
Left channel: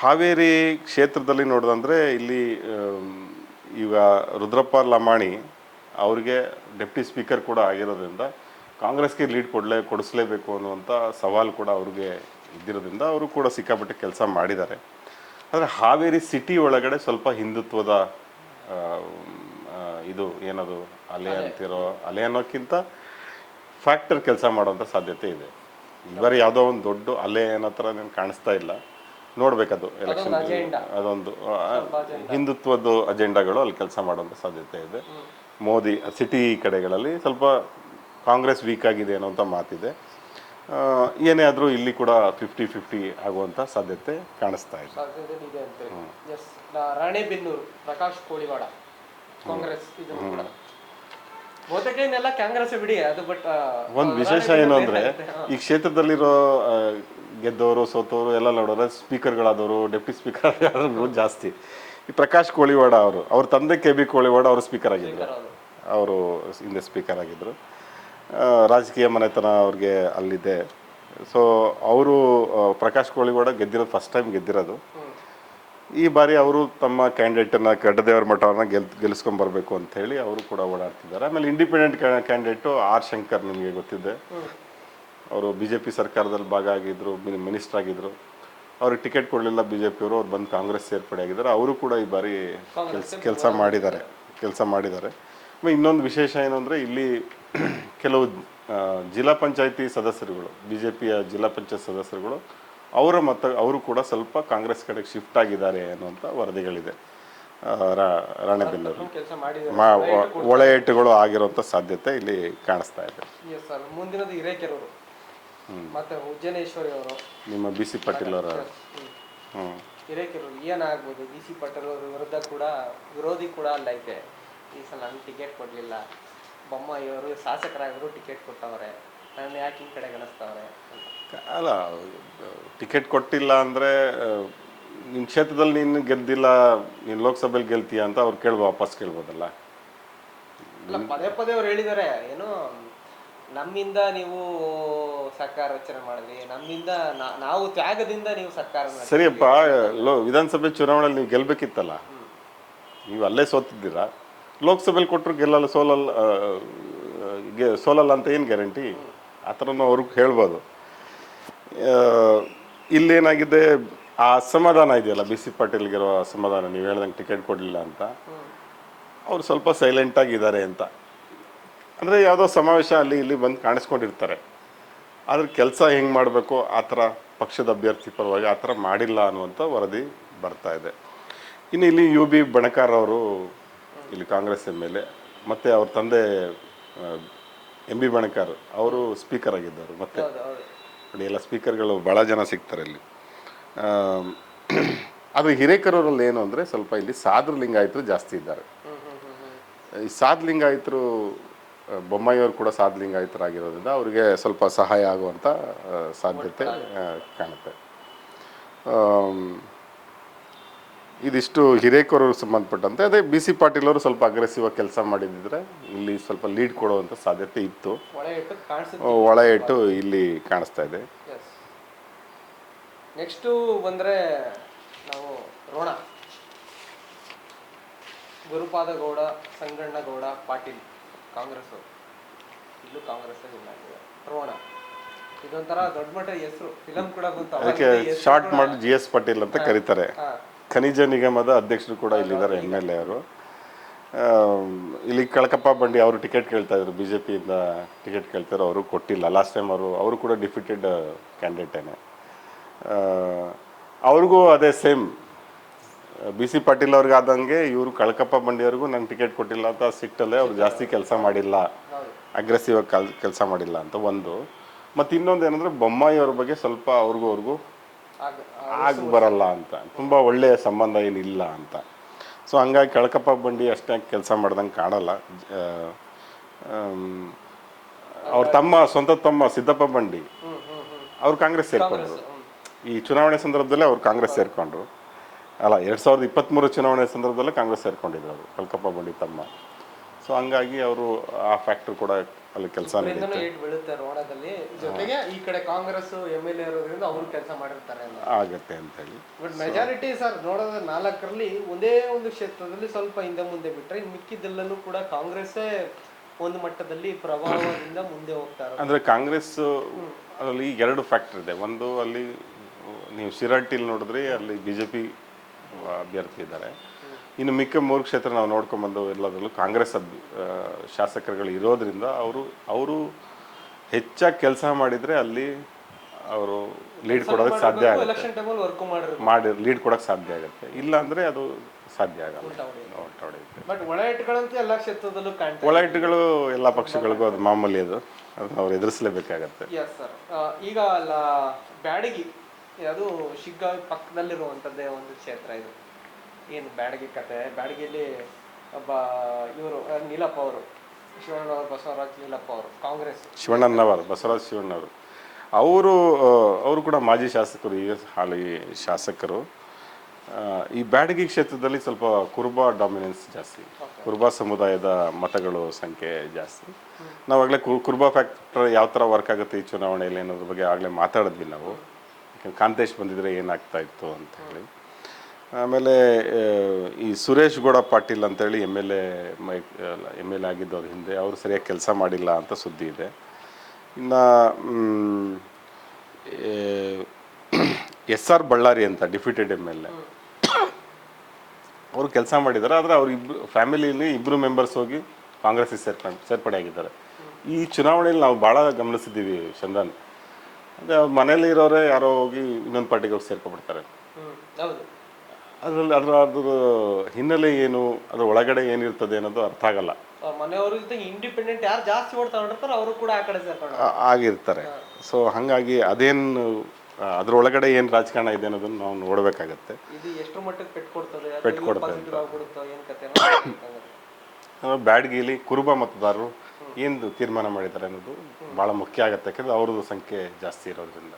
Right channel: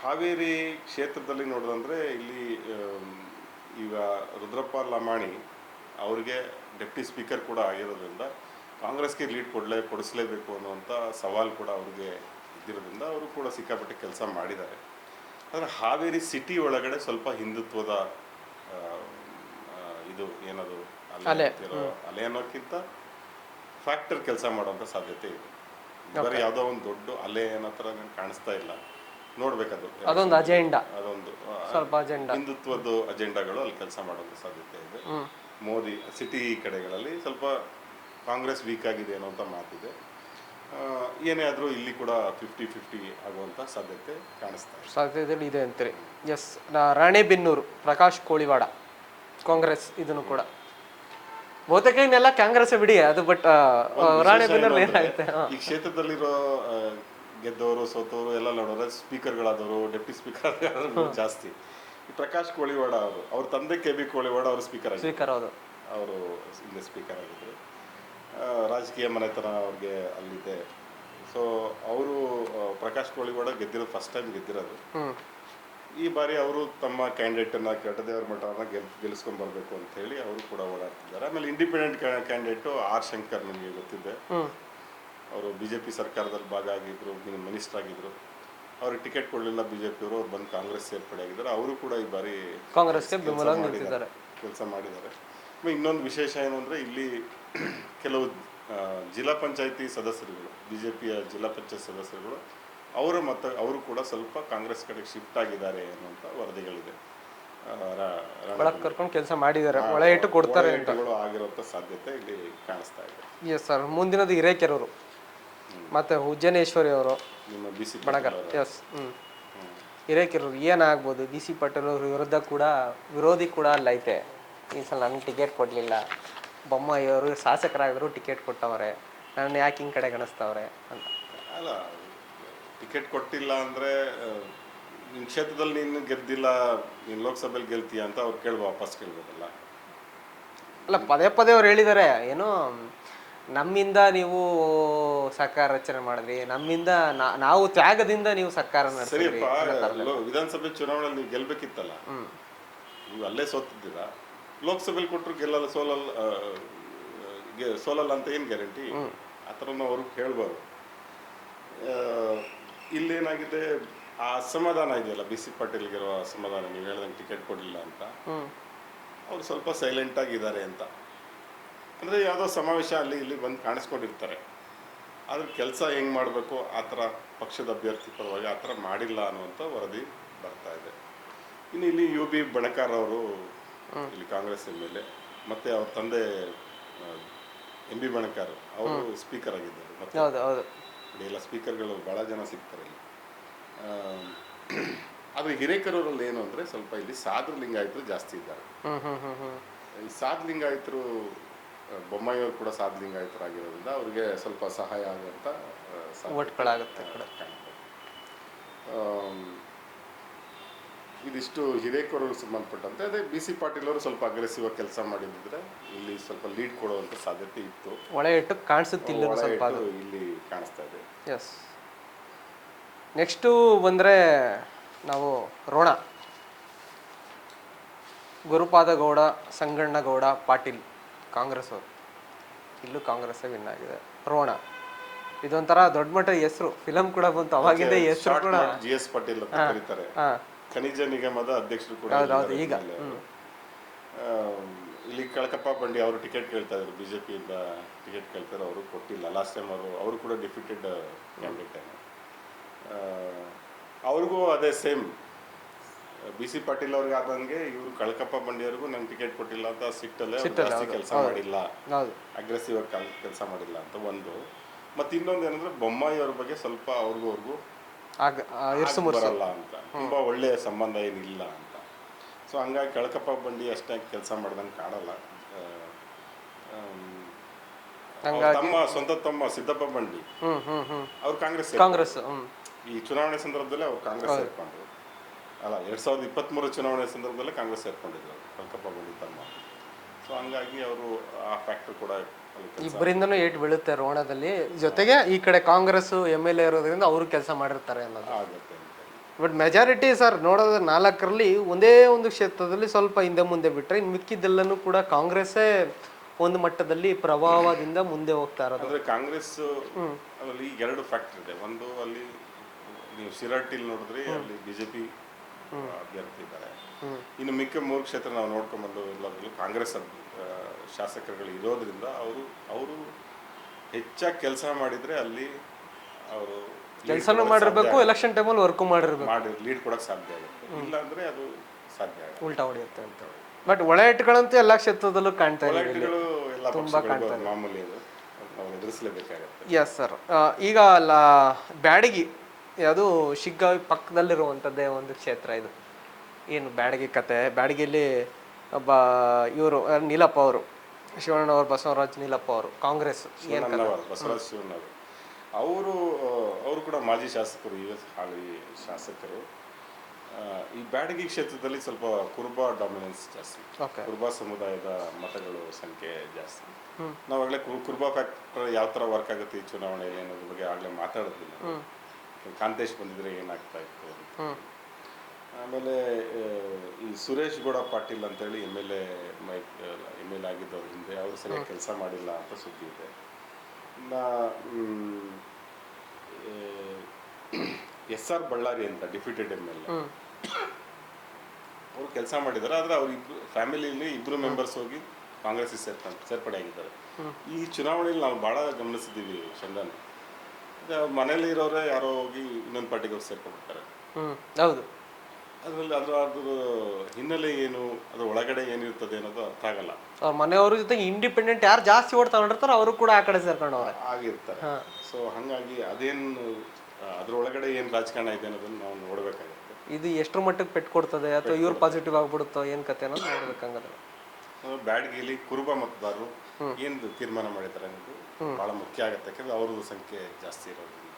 ಹಾವೇರಿ ಕ್ಷೇತ್ರದಲ್ಲಿ ನೋಡೋದಂದ್ರೆ ಇಲ್ಲಿ ಈಗ ರುದ್ರಪ್ಪ ಲಮಾಣಿ ಅವ್ರಿಗೆ ಡೆಪ್ಟಿ ಸ್ಪೀಕರ್ ಕೂಡ ಆಗಿರೋದ್ರಿಂದ ಕಾಂಗ್ರೆಸ್ಗೆ ಲೀಡ್ ಕೊಡಿಸ್ಲೇಬೇಕು ಅನ್ನುವಂಥ ಸವಾಲು ಕೂಡ ಅವ್ರಿಗೆ ಇದ್ದಿರೋದ್ರಿಂದ ಅವರು ಕೂಡ ಸಿಕ್ಕಾಪಟ್ಟೆ ಕೆಲಸ ಮಾಡಿದ್ದಾರೆ. ಆದರೆ ಹಾವೇರಿ ಸಿಟಿ ಒಳಗಡೆ ಸ್ವಲ್ಪ ಹಿಂದುತ್ವದ ಇದು ಏನದು ಅಲೆ ಅನ್ನೋಕ್ಕಿಂತ ಫ್ಯಾಕ್ಟರ್ ಕೆಲಸ ಮಾಡೋಂಥ ಸಾಧ್ಯತೆ ಇದೆ. ಬರೀ ಯಾವುದೋ ಒಂದು ದೊಡ್ಡ ಅಲೆ ಅನ್ನೋ ಥರ ಕಾಣಿಸ್ತಾ ಇಲ್ಲ. ನೋಡ್ಬೇಕದು, ಅದೊಂದು ಹಿಂದುತ್ವದ ಅಜೆಂಡಾಗಳು ಅಲ್ಲಿ ಕೆಲಸ ಮಾಡುವಂಥ ಸಾಧ್ಯತೆ ಇದೆ. ಮೋದಿ ಸಿಟಿ ಕಡೆಗಳಲ್ಲಿ ಸ್ವಲ್ಪ ಕಾಂಗ್ರೆಸ್ ವೀಕ್ ಆಗಿದೆ ಅನ್ನೋಂಥ ಮಾತಿದೆ. ಏನೇ ಆದರೂ ಇಲ್ಲಿ ಕೂಡ 50-50 ಆಗುವಂಥ ಸಾಧ್ಯತೆ ಕಾಣಿಸ್ತಾ ಇದೆ ಅಂತೀರಿ. ಎಸ್, ರಾಣೆಬೆನ್ನೂರು ಪ್ರಕಾಶ್ ಕೋಳಿವಾಡ ಕಾಂಗ್ರೆಸ್ ಇದನ್ನು ಕೂಡ ಬಹುತೇಕ ಇನ್ನೆಲ್ಲ ಕಾಂಗ್ರೆಸ್ ಬಿಡಿ ಅದು. ಬಟ್ ಒಂದು ವಿಶೇಷ ಏನು ಅಂದ್ರೆ ಈ ಕ್ಷೇತ್ರದಲ್ಲಿರೋ ಗೆದ್ದವರು ಸೋತವರು ಎಲ್ಲ ನೋಡೋರೆ ಸ್ಪೀಕರ್ಗಳಾದವರು ಡೆಪ್ಟಿ ಸ್ಪೀಕರ್ ಆದವರು ಜಾಸ್ತಿ. ಈ ಪ್ರಕಾಶ್ ಕೋಳಿವಾಡ ಅವ್ರ ತಂದೆ KB ಕೋಳಿವಾಡ ಅವರು ಸ್ಪೀಕರ್ ಆಗಿದ್ರು, ಅವರು ಹಿಂದೆ ಸ್ಪೀಕರ್ ಆಗಿದ್ರು. ರಾಜಕೀಯ ಮನೆತನ ಅವ್ರಿಗೆ ಅಲ್ಲಿದೆ. ಸೊ ಅವರು ಪ್ರಕಾಶ್ ಕೋಳಿವಾಡ ಗೆದ್ದಿರೋದು ಫಸ್ಟ್ ಟೈಮ್ ಗೆದ್ದಿರೋದು. ಈ ಬಾರಿ ಅವರು ತಮ್ಮ ಕ್ಯಾಂಡಿಡೇಟನ್ನು ಗಡ್ಡದೇವರ ಮಠವನ್ನು ಗೆಲ್ಲಿಸ್ಕೊಂಡ್ ಬರಬೇಕು ಅಂತ ಹೇಳಿ ಅವರು ಕೂಡ ಓಡಾಡ್ತಿದ್ದಾರೆ. ಆಮೇಲೆ ಇಂಡಿಪೆಂಡೆಂಟ್ ಕ್ಯಾಂಡಿಡೇಟು R ಶಂಕರ್, ನಿಮಗೆ ಗೊತ್ತಿದೆ, ಅವರು BJP ಸರ್ಕಾರದಲ್ಲಿ ಭಾಗ ಆಗಿದ್ರು, ಮಿನಿಸ್ಟರ್ ಆಗಿದ್ರು. ಅವ್ರಿಗೆ ಟಿಕೆಟ್ ಕೊಡಲಿಲ್ಲ BJP ಅವರು, ಅವ್ರು ಬಂದು ಕಾಂಗ್ರೆಸ್ ಸೇರ್ಪಡೆ ಆಗಿದ್ದಾರೆ. ಅವರು ಕೂಡ ಈ ಬಾರಿ ಕೆಲಸ ಮಾಡಿದ್ದಾರೆ. ಇನ್ನೊಂದು ವಿಶೇಷ ಏನು ಅಂದರೆ ಇಲ್ಲಿ ಕೆಲವು ಜಿಲ್ಲಾ ಪಂಚಾಯತಿ ಸದಸ್ಯರುಗಳು, BJPಯ ಜಿಲ್ಲಾ ಪಂಚಾಯತ್ ಸದಸ್ಯರುಗಳು ಅವರು ಕೂಡ ಸ್ವಲ್ಪ ಕಾಂಗ್ರೆಸ್ ಕಡೆಗೆ ಶಿಫ್ಟ್ ಆಗಿದ್ದಾರೆ ಅನ್ನುವಂಥ ವರದಿಗಳಿದೆ. ಒಳ ಏಟುಗಳು ಆಗಿರುವಂಥ ಸಾಧ್ಯತೆ ಇಲ್ಲಿ ಕಾಣಿಸ್ತಾ ಇದೆ. Yes sir. ಮುಂದಿನದು ಹಿರೇಕೆರೂರು ಮತ್ತೆ ಉಜ್ಜನೇಶ್ವರಿ ಅವರು, ನಿಮ್ಮ BC ಪಾಟೀಲ್ ಅವರ. ಹಿರೇಕೆರೂರು ಏನಾಗ್ಬೋದು? BC ಪಾಟೀಲ್ ಅವ್ರ ವಿರೋಧಿ ಕೂಡ ಅಲ್ಲೈತೆ. ಈ ಸಲ ನನಗೆ ಟಿಕೆಟ್ ಕೊಡಲಿಲ್ಲ, ಬೊಮ್ಮಾಯಿಯವರು ಶಾಸಕರಾಗಿದ್ರು ಟಿಕೆಟ್ ಕೊಟ್ಟವ್ರೆ, ನನ್ನ ಯಾಕೆ ಹಿಂಗೆ ಕಡೆ ಗಣಿಸ್ತವ್ರೆ ಅಂತ. ಅಲ್ಲ, ಟಿಕೆಟ್ ಕೊಟ್ಟಿಲ್ಲ ಅಂದರೆ ನಿನ್ನ ಕ್ಷೇತ್ರದಲ್ಲಿ ನೀನು ಗೆದ್ದಿಲ್ಲ, ನೀನು ಲೋಕಸಭೆಯಲ್ಲಿ ಗೆಲ್ತೀಯ ಅಂತ ಅವ್ರು ವಾಪಸ್ ಕೇಳ್ಬೋದಲ್ಲ. ಅಲ್ಲ, ಪದೇ ಪದೇ ಅವ್ರು ಹೇಳಿದ್ದಾರೆ, ಏನೋ ನಮ್ಮಿಂದ ನೀವು ಸರ್ಕಾರ ರಚನೆ ಮಾಡಿದ್ರಿ, ನಮ್ಮಿಂದ ನಾವು ತ್ಯಾಗದಿಂದ ನೀವು ಸರ್ಕಾರ. ಸರಿಯಪ್ಪ, ವಿಧಾನಸಭೆ ಚುನಾವಣೆಯಲ್ಲಿ ನೀವು ಗೆಲ್ಬೇಕಿತ್ತಲ್ಲ, ನೀವು ಅಲ್ಲೇ ಸೋತಿದ್ದೀರಾ. ಲೋಕಸಭೆಯಲ್ಲಿ ಕೊಟ್ಟರು ಸೋಲಲ್ಲ ಅಂತ ಏನು ಗ್ಯಾರಂಟಿ? ಆ ಥರನೂ ಅವ್ರಿಗೆ ಹೇಳ್ಬೋದು. ಇಲ್ಲೇನಾಗಿದೆ, ಆ ಅಸಮಾಧಾನ ಇದೆಯಲ್ಲ, BC ಪಾಟೀಲ್ಗಿರೋ ಅಸಮಾಧಾನ, ನೀವು ಹೇಳ್ದಂಗೆ ಟಿಕೆಟ್ ಕೊಡಲಿಲ್ಲ ಅಂತ, ಅವ್ರು ಸ್ವಲ್ಪ ಸೈಲೆಂಟ್ ಆಗಿದ್ದಾರೆ ಅಂತ. ಅಂದರೆ ಯಾವುದೋ ಸಮಾವೇಶ ಅಲ್ಲಿ ಇಲ್ಲಿ ಬಂದು ಕಾಣಿಸ್ಕೊಂಡಿರ್ತಾರೆ, ಆದ್ರೆ ಕೆಲಸ ಹೆಂಗೆ ಮಾಡಬೇಕು ಆ ಥರ ಪಕ್ಷದ ಅಭ್ಯರ್ಥಿ ಪರವಾಗಿ ಆ ಥರ ಮಾಡಿಲ್ಲ ಅನ್ನುವಂಥ ವರದಿ ಬರ್ತಾ ಇದೆ. ಇನ್ನು ಇಲ್ಲಿ UB ಬಣಕಾರ್ ಅವರು ಇಲ್ಲಿ ಕಾಂಗ್ರೆಸ್ MLA, ಮತ್ತು ಅವ್ರ ತಂದೆ MB ಬಣಕಾರ್ ಅವರು ಸ್ಪೀಕರ್ ಆಗಿದ್ದಾರೆ. ಮತ್ತೆ ನೋಡಿ, ಎಲ್ಲ ಸ್ಪೀಕರ್ಗಳು ಭಾಳ ಜನ ಸಿಗ್ತಾರೆ ಇಲ್ಲಿ. ಅದು ಹಿರೇಕೆರೂರಲ್ಲಿ ಏನು ಅಂದರೆ ಸ್ವಲ್ಪ ಇಲ್ಲಿ ಸಾದ್ರ ಲಿಂಗಾಯತರು ಜಾಸ್ತಿ ಇದ್ದಾರೆ. ಈ ಸಾದ್ ಲಿಂಗಾಯತರು, ಬೊಮ್ಮಾಯಿಯವರು ಕೂಡ ಸಾದ್ ಲಿಂಗಾಯತರಾಗಿರೋದ್ರಿಂದ ಅವರಿಗೆ ಸ್ವಲ್ಪ ಸಹಾಯ ಆಗುವಂಥ ಸಾಧ್ಯತೆ ಕಾಣುತ್ತೆ. ಇದಿಷ್ಟು ಹಿರೇಕೆರೂರು ಸಂಬಂಧಪಟ್ಟಂತೆ. ಅದೇ BC ಪಾಟೀಲ್ ಅವರು ಸ್ವಲ್ಪ ಅಗ್ರೆಸಿವ್ ಆಗಿ ಕೆಲಸ ಮಾಡಿದ್ರೆ ಇಲ್ಲಿ ಸ್ವಲ್ಪ ಲೀಡ್ ಕೊಡುವಂಥ ಸಾಧ್ಯತೆ ಇತ್ತು. ಒಳ ಇಟ್ಟು ಇಲ್ಲಿ ಕಾಣಿಸ್ತಾ ಇದೆ. ನೆಕ್ಸ್ಟು ಬಂದರೆ ನಾವು ರೋಣ, ಗುರುಪಾದ ಗೌಡ, ಸಂಗಣ್ಣಗೌಡ ಪಾಟೀಲ್, ಕಾಂಗ್ರೆಸ್ ಅವರು. ಇಲ್ಲೂ ಕಾಂಗ್ರೆಸ್ ವಿನ್ ಆಗಿದೆ. ರೋಣ ಇದೊಂಥರ ದೊಡ್ಡ ಮಟ್ಟ ಹೆಸರು, ಫಿಲಂ ಕೂಡ ಬಂತು. ಶಾರ್ಟ್ ಮಾಡಿ GS ಪಾಟೀಲ್ ಅಂತ ಕರೀತಾರೆ. ಖನಿಜ ನಿಗಮದ ಅಧ್ಯಕ್ಷರು ಕೂಡ ಇಲ್ಲಿದ್ದಾರೆ MLA ಅವರು. ಇಲ್ಲಿ ಕಳಕಪ್ಪ ಬಂಡಿ ಅವರು ಟಿಕೆಟ್ ಕೇಳ್ತಾ ಇದ್ರು, BJPಯಿಂದ ಟಿಕೆಟ್ ಕೇಳ್ತಾರೆ, ಅವರು ಕೊಟ್ಟಿಲ್ಲ. ಲಾಸ್ಟ್ ಟೈಮ್ ಅವರು ಕೂಡ ಡಿಫಿಟೆಡ್ ಕ್ಯಾಂಡಿಡೇಟ್ ಏನೋ. ಅವ್ರಿಗೂ ಅದೇ ಸೇಮ್ BC ಪಾಟೀಲ್ ಅವ್ರಿಗೆ ಆದಂಗೆ ಇವರು ಕಳಕಪ್ಪ ಬಂಡಿಯವ್ರಿಗೂ ನಂಗೆ ಟಿಕೆಟ್ ಕೊಟ್ಟಿಲ್ಲ ಅಂತ ಸಿಟ್ಟಲ್ಲೇ ಅವ್ರು ಜಾಸ್ತಿ ಕೆಲಸ ಮಾಡಿಲ್ಲ, ಅಗ್ರೆಸಿವ್ ಆಗಿ ಕೆಲಸ ಮಾಡಿಲ್ಲ ಅಂತ ಒಂದು. ಮತ್ತು ಇನ್ನೊಂದು ಏನಂದ್ರೆ ಬೊಮ್ಮಾಯಿ ಅವ್ರ ಬಗ್ಗೆ ಸ್ವಲ್ಪ ಅವ್ರಿಗೂ ಬರಲ್ಲ ಅಂತ, ತುಂಬ ಒಳ್ಳೆಯ ಸಂಬಂಧ ಏನಿಲ್ಲ ಅಂತ. ಸೊ ಹಂಗಾಗಿ ಕಳಕಪ್ಪ ಬಂಡಿ ಅಷ್ಟೇ ಕೆಲಸ ಮಾಡ್ದಂಗೆ ಕಾಣಲ್ಲ. ಅವ್ರ ಸ್ವಂತ ತಮ್ಮ ಸಿದ್ದಪ್ಪ ಬಂಡಿ ಅವ್ರು ಕಾಂಗ್ರೆಸ್ ಈ ಚುನಾವಣೆ ಸಂದರ್ಭದಲ್ಲೇ ಅವ್ರು ಕಾಂಗ್ರೆಸ್ ಸೇರ್ಕೊಂಡ್ರು. ಅಲ್ಲ, 2023 ಚುನಾವಣೆ ಸಂದರ್ಭದಲ್ಲೇ ಕಾಂಗ್ರೆಸ್ ಸೇರ್ಕೊಂಡಿದ್ರು ಅವರು, ಕಳಕಪ್ಪ ಬಂಡಿ ತಮ್ಮ. ಸೊ ಹಂಗಾಗಿ ಅವರು ಆ ಫ್ಯಾಕ್ಟರ್ ಕೂಡ ಅಲ್ಲಿ ಕೆಲಸ ಬೀಳುತ್ತೆ ರೋಣದಲ್ಲಿ. ಜೊತೆಗೆ ಈ ಕಡೆ ಕಾಂಗ್ರೆಸ್ MLA ಇರೋದ್ರಿಂದ ಅವರು ಕೆಲಸ ಮಾಡಿರ್ತಾರೆ ಆಗುತ್ತೆ ಅಂತ ಹೇಳಿ. ಬಟ್ ಮೆಜಾರಿಟಿ ಸರ್ ನೋಡೋದು 4ರಲ್ಲಿ ಒಂದೇ ಒಂದು ಕ್ಷೇತ್ರದಲ್ಲಿ ಸ್ವಲ್ಪ ಹಿಂದೆ ಮುಂದೆ ಬಿಟ್ರೆ ಇನ್ನು ಮಿಕ್ಕಿದ್ದೆಲ್ಲನೂ ಕೂಡ ಕಾಂಗ್ರೆಸ್ಸೇ ಒಂದು ಮಟ್ಟದಲ್ಲಿ ಪ್ರಭಾವದಿಂದ ಮುಂದೆ ಹೋಗ್ತಾ ಇರೋದು. ಅಂದ್ರೆ ಕಾಂಗ್ರೆಸ್ ಅದರಲ್ಲಿ 2 ಫ್ಯಾಕ್ಟರ್ ಇದೆ. ಒಂದು, ಅಲ್ಲಿ ನೀವು ಶಿರಹಟ್ಟಿಲಿ ನೋಡಿದ್ರಿ, ಅಲ್ಲಿ BJP ಅಭ್ಯರ್ಥಿ ಇದ್ದಾರೆ. ಇನ್ನು ಮಿಕ್ಕ 3 ಕ್ಷೇತ್ರ ನಾವು ನೋಡ್ಕೊಂಡ್ಬಂದು ಎಲ್ಲದರಲ್ಲೂ ಕಾಂಗ್ರೆಸ್ ಶಾಸಕರುಗಳು ಇರೋದ್ರಿಂದ ಅವರು ಹೆಚ್ಚಾಗಿ ಕೆಲಸ ಮಾಡಿದ್ರೆ ಅಲ್ಲಿ ಅವರು ಲೀಡ್ ಕೊಡೋಕೆ ಸಾಧ್ಯ ಆಗುತ್ತೆ. ಲೀಡ್ ಕೊಡೋಕೆ ಸಾಧ್ಯ ಆಗುತ್ತೆ. ಇಲ್ಲ ಅಂದ್ರೆ ಅದು ಸಾಧ್ಯ ಆಗಲ್ಲ, ಉಲ್ಟಾ ಹೊಡೆಯುತ್ತೆ. ಬಟ್ ಒಳ ಇಟ್ಗಳಂತೂ ಎಲ್ಲ ಕ್ಷೇತ್ರದಲ್ಲೂ ಕಾಣ್ತಾರೆ. ಒಳ ಇಟ್ಗಳು ಎಲ್ಲ ಪಕ್ಷಗಳಿಗೂ ಅದು ಮಾಮೂಲಿ, ಅದು ಅವ್ರು ಎದುರಿಸಲೇಬೇಕಾಗತ್ತೆ. Yes sir. ಈಗ ಬ್ಯಾಡಗಿ, ಅದು ಶಿಗ್ಗಾವಿ ಪಕ್ಕದಲ್ಲಿರುವಂಥದ್ದೇ ಒಂದು ಕ್ಷೇತ್ರ. ಇದು ಏನು ಬ್ಯಾಡಗಿ ಕತೆ? ಬ್ಯಾಡಗಿಯಲ್ಲಿ ಒಬ್ಬ ಇವರು ನೀಲಪ್ಪ ಅವರು, ಶಿವಣ್ಣನವರು, ಬಸವರಾಜ್ ನೀಲಪ್ಪ ಅವರು, ಕಾಂಗ್ರೆಸ್. ಶಿವಣ್ಣನವರು, ಬಸವರಾಜ್ ಶಿವಣ್ಣವರು ಅವರು ಅವರು ಕೂಡ ಮಾಜಿ ಶಾಸಕರು, ಈಗ ಹಾಲಿ ಶಾಸಕರು. ಈ ಬ್ಯಾಡಗಿ ಕ್ಷೇತ್ರದಲ್ಲಿ ಸ್ವಲ್ಪ ಕುರುಬ ಡಾಮಿನೆನ್ಸ್ ಜಾಸ್ತಿ, ಕುರುಬ ಸಮುದಾಯದ ಮತಗಳು ಸಂಖ್ಯೆ ಜಾಸ್ತಿ. ನಾವಾಗಲೇ ಕುರುಬ ಫ್ಯಾಕ್ಟರ್ ಯಾವ ಥರ ವರ್ಕ್ ಆಗುತ್ತೆ ಈ ಚುನಾವಣೆಯಲ್ಲಿ ಅನ್ನೋದ್ರ ಬಗ್ಗೆ ಆಗಲೇ ಮಾತಾಡಿದ್ವಿ ನಾವು. ಕಾಂತೇಶ್ ಬಂದಿದ್ರೆ ಏನಾಗ್ತಾ ಇತ್ತು ಅಂತ ಹೇಳಿ. ಆಮೇಲೆ ಈ ಸುರೇಶ್ ಗೌಡ ಪಾಟೀಲ್ ಅಂತೇಳಿ ಎಮ್ ಎಲ್ ಎ ಆಗಿದ್ದವ್ರು ಹಿಂದೆ, ಅವರು ಸರಿಯಾಗಿ ಕೆಲಸ ಮಾಡಿಲ್ಲ ಅಂತ ಸುದ್ದಿ ಇದೆ. ಇನ್ನು ಎಸ್ ಆರ್ ಬಳ್ಳಾರಿ ಅಂತ ಡಿಫಿಟೆಡ್ ಎಮ್ ಎಲ್ ಎ, ಅವರು ಕೆಲಸ ಮಾಡಿದ್ದಾರೆ. ಆದರೆ ಅವ್ರು ಫ್ಯಾಮಿಲಿಯಲ್ಲಿ ಇಬ್ಬರು ಮೆಂಬರ್ಸ್ ಹೋಗಿ ಕಾಂಗ್ರೆಸ್ಗೆ ಸೇರ್ಪಡೆ ಆಗಿದ್ದಾರೆ. ಈ ಚುನಾವಣೆಯಲ್ಲಿ ನಾವು ಭಾಳ ಗಮನಿಸಿದ್ದೀವಿ ಚಂದನ್, ಅಂದರೆ ಅವ್ರ ಮನೇಲಿ ಇರೋರೇ ಯಾರೋ ಹೋಗಿ ಇನ್ನೊಂದು ಪಾರ್ಟಿಗೆ ಹೋಗಿ ಸೇರ್ಕೊಂಡ್ಬಿಡ್ತಾರೆ. ಹೌದು. ಅದ್ರ ಹಿನ್ನೆಲೆ ಏನು, ಅದ್ರ ಒಳಗಡೆ ಏನಿರ್ತದೆ ಅನ್ನೋದು ಅರ್ಥ ಆಗಲ್ಲ. ಅವ್ರ ಮನೆಯವ್ರ ಜೊತೆ ಇಂಡಿಪೆಂಡೆಂಟ್ ಯಾರು ಜಾಸ್ತಿ ಓಟ್ ತಗೊಂಡಿರ್ತಾರೋ ಅವರು ಕೂಡ ಆ ಕಡೆ ಸೇರ್ಕೊಂಡು ಆಗಿರ್ತಾರೆ. ಸೊ ಹಾಗಾಗಿ ಅದೇನು ಅದ್ರೊಳಗಡೆ ಏನು ರಾಜಕಾರಣ ಇದೆ ಅನ್ನೋದನ್ನ ನಾವು ನೋಡ್ಬೇಕಾಗತ್ತೆ. ಇದು ಎಷ್ಟರ ಮಟ್ಟಕ್ಕೆ ಪೆಟ್ಟು ಕೊಡ್ತದೆ ಅಥವಾ ಇವ್ರು ಪಾಸಿಟಿವ್ ಆಗ್ಬಿಡುತ್ತೋ ಏನು ಕತೆ ಅನ್ನೋದು. ಬ್ಯಾಡಗಿಲಿ ಕುರುಬ ಮತದಾರರು ಏನು ತೀರ್ಮಾನ ಮಾಡಿದ್ದಾರೆ ಅನ್ನೋದು ಬಹಳ ಮುಖ್ಯ ಆಗುತ್ತೆ, ಯಾಕಂದ್ರೆ ಅವ್ರದ್ದು ಸಂಖ್ಯೆ ಜಾಸ್ತಿ ಇರೋದ್ರಿಂದ.